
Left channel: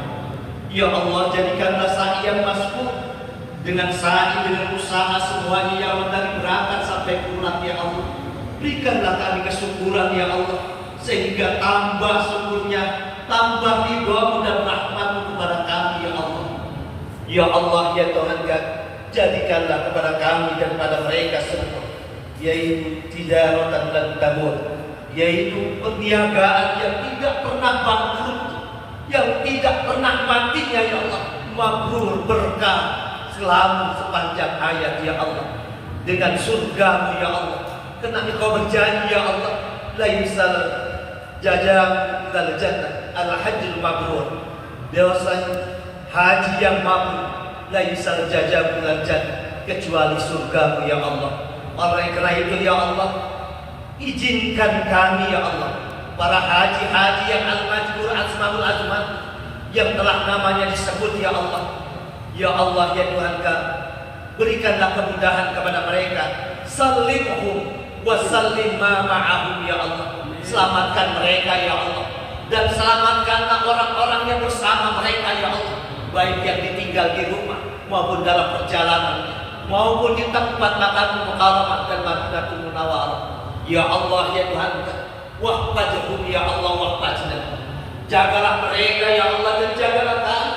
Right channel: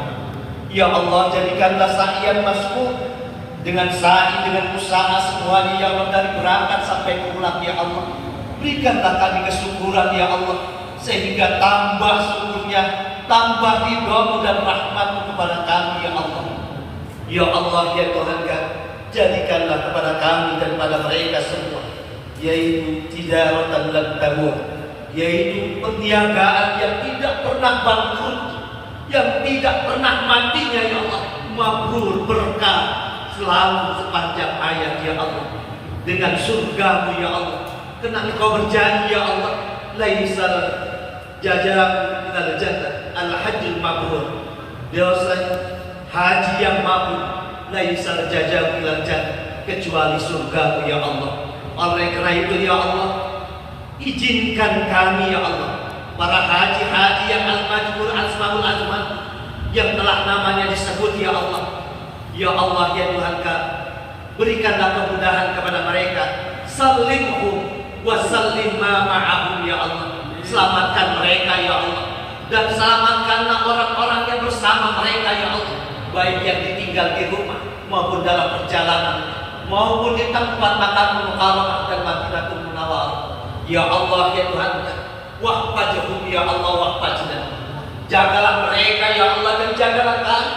Ya Allah, jadikanlah sa'ian masbuk, dengan sa'i, dengan usaha semuanya ya Allah, dari berangkat sampai pulang ya Allah. Berikanlah kami kesyukuran ya Allah, sehingga tambah syukurnya, tambah ridha-Mu dan rahmat-Mu kepada kami ya Allah. Ya Allah, ya Tuhan kami, jadikanlah kepada kami dan pada mereka semua, yaitu tijaratan lan tabur, yaitu perniagaan yang tidak pernah bangkrut, yang tidak pernah matinya ya Allah, mabrur, berkah selalu sepanjang hayat ya Allah, dengan surga-Mu ya Allah. Karena Engkau berjanji ya Allah, laisal jazaa minal jannah al-hajjul mabrur, biasanya haji yang mabrur, laisal jazaa minal jannah, kecuali surga-Mu ya Allah. Oleh karena itu ya Allah, izinkan kami ya Allah, para haji-haji yang al-majbur al-asmaul azman, yang telah namanya disebut ya Allah. Ya Allah, ya Tuhan kami, berikanlah kemudahan kepada mereka. Sallimhum wa sallim ma ma'ahum ya Allah. Selamatkan mereka ya Allah, dan selamatkanlah orang-orang yang bersama mereka ya Allah, baik yang ditinggal di rumah maupun dalam perjalanan, maupun di tempat Makkah Mukarramah dan Madinatul Munawwarah. Ya Allah, ya Tuhan, wahfazhum ya Allah, wahfazna. Jagalah mereka ya Allah, dan jagalah kami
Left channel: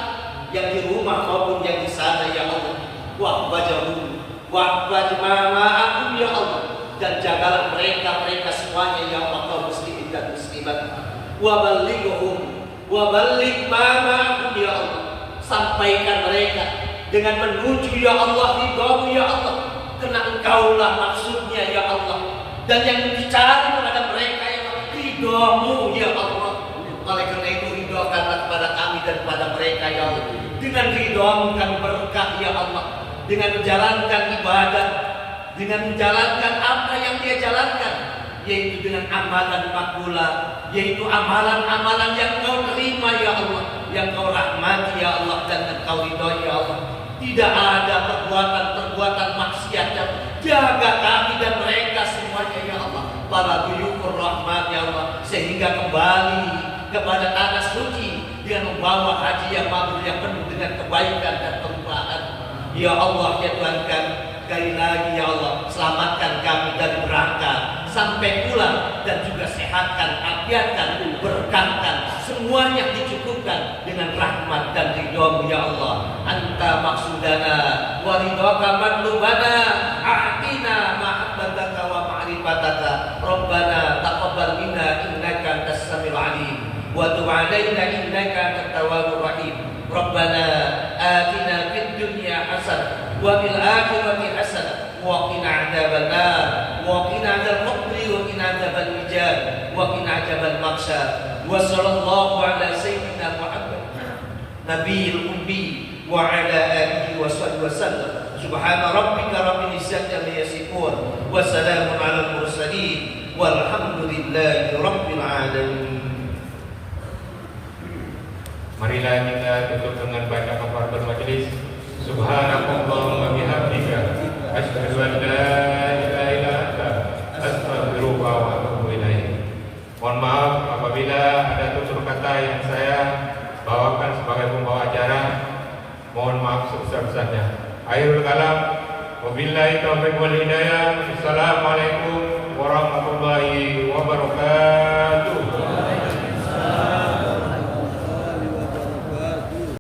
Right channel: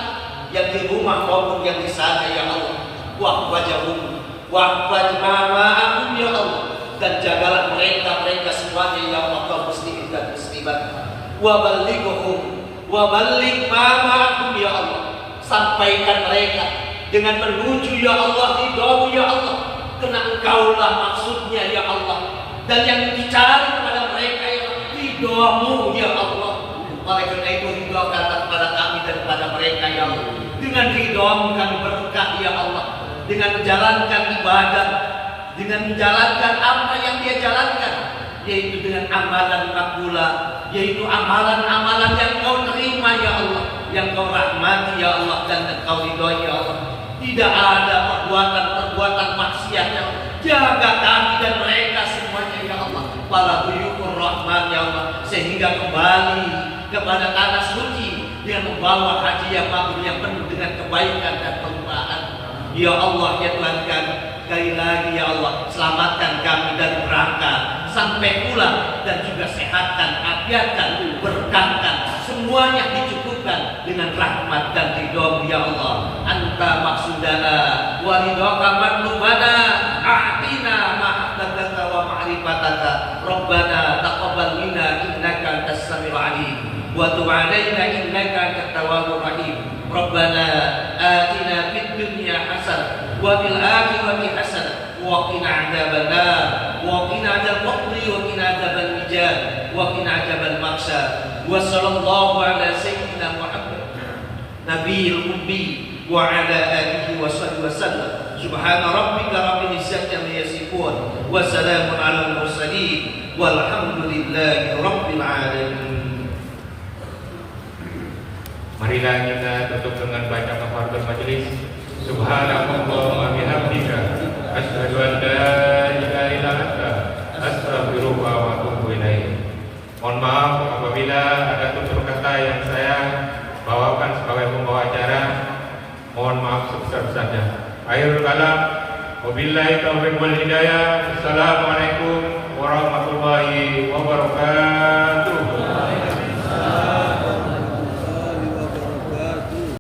yang di rumah maupun yang di sana ya Allah. Wahfazhum wahfaz ma'ahum ya Allah, dan jagalah mereka semuanya ya Allah, kaum muslimin dan muslimat. Wa ballighhum wa balligh ma'ahum ya Allah, sampaikan mereka dengan menuju ya Allah ridha-Mu ya Allah. Karena tahulah maksudnya ya Allah. Dan yang dicari kepada mereka ya Allah, ridho-Mu ya Allah. Oleh karena itu ridhokanlah kepada kami dan kepada mereka ya Allah. Dengan ridho-Mu kami berkah ya Allah. Dengan menjalankan ibadah, dengan menjalankan apa yang dia jalankan, yaitu dengan amalan makbulah, yaitu amalan-amalan yang Kau terima ya Allah, yang Kau rahmati ya Allah, dan Kau ridhoi ya Allah. Tidak ada perbuatan-perbuatan maksiat ya Allah. Jaga kami dan mereka semuanya ya Allah, para buyukur rahmat ya Allah, sehingga kembali kepada tanah suci dengan membawa haji yang mabrur yang penuh dengan kebaikan dan kelimpahan. Ya Allah ya Tuhan kami, sekali lagi ya Allah, selamatkan kami dari berangkat sampai pulang, dan juga sehatkan, afiatkan, berkahkan, semuanya dicukupkan dengan rahmat dan ridho-Mu ya Allah. Anta maksudana wa ridhoka matlubana, a'tina mahabbataka wa ma'rifataka, Rabbana taqabbal minna innaka antas samiul alim wa tub 'alaina innaka antat tawwabur rahim. Rabbana atina fid dunya hasanah wa fil akhirati hasanah wa qina 'adzabannar wa qina adzabal qabri wa qina adzabal wijab wa qina adzabal maksad. Wa sallallahu ala sayyidina Muhammad nabiyil ummi wa ala alihi wa sahbihi wasallam. Subhana rabbika rabbil izzati amma yasifun wa salamun alal mursalin walhamdulillahi rabbil alamin. Marilah kita tutup dengan baca kafaratul majelis. Subhanallahumma bihamdika asyhadu an la ilaha illa anta astaghfiruka wa atubu ilaik. Mohon maaf apabila ada tutur kata yang saya bawakan sebagai pembawa acara. Mohon maaf sebesar-besarnya. Akhirul kalam, wabillahi taufiq wal hidayah. Assalamualaikum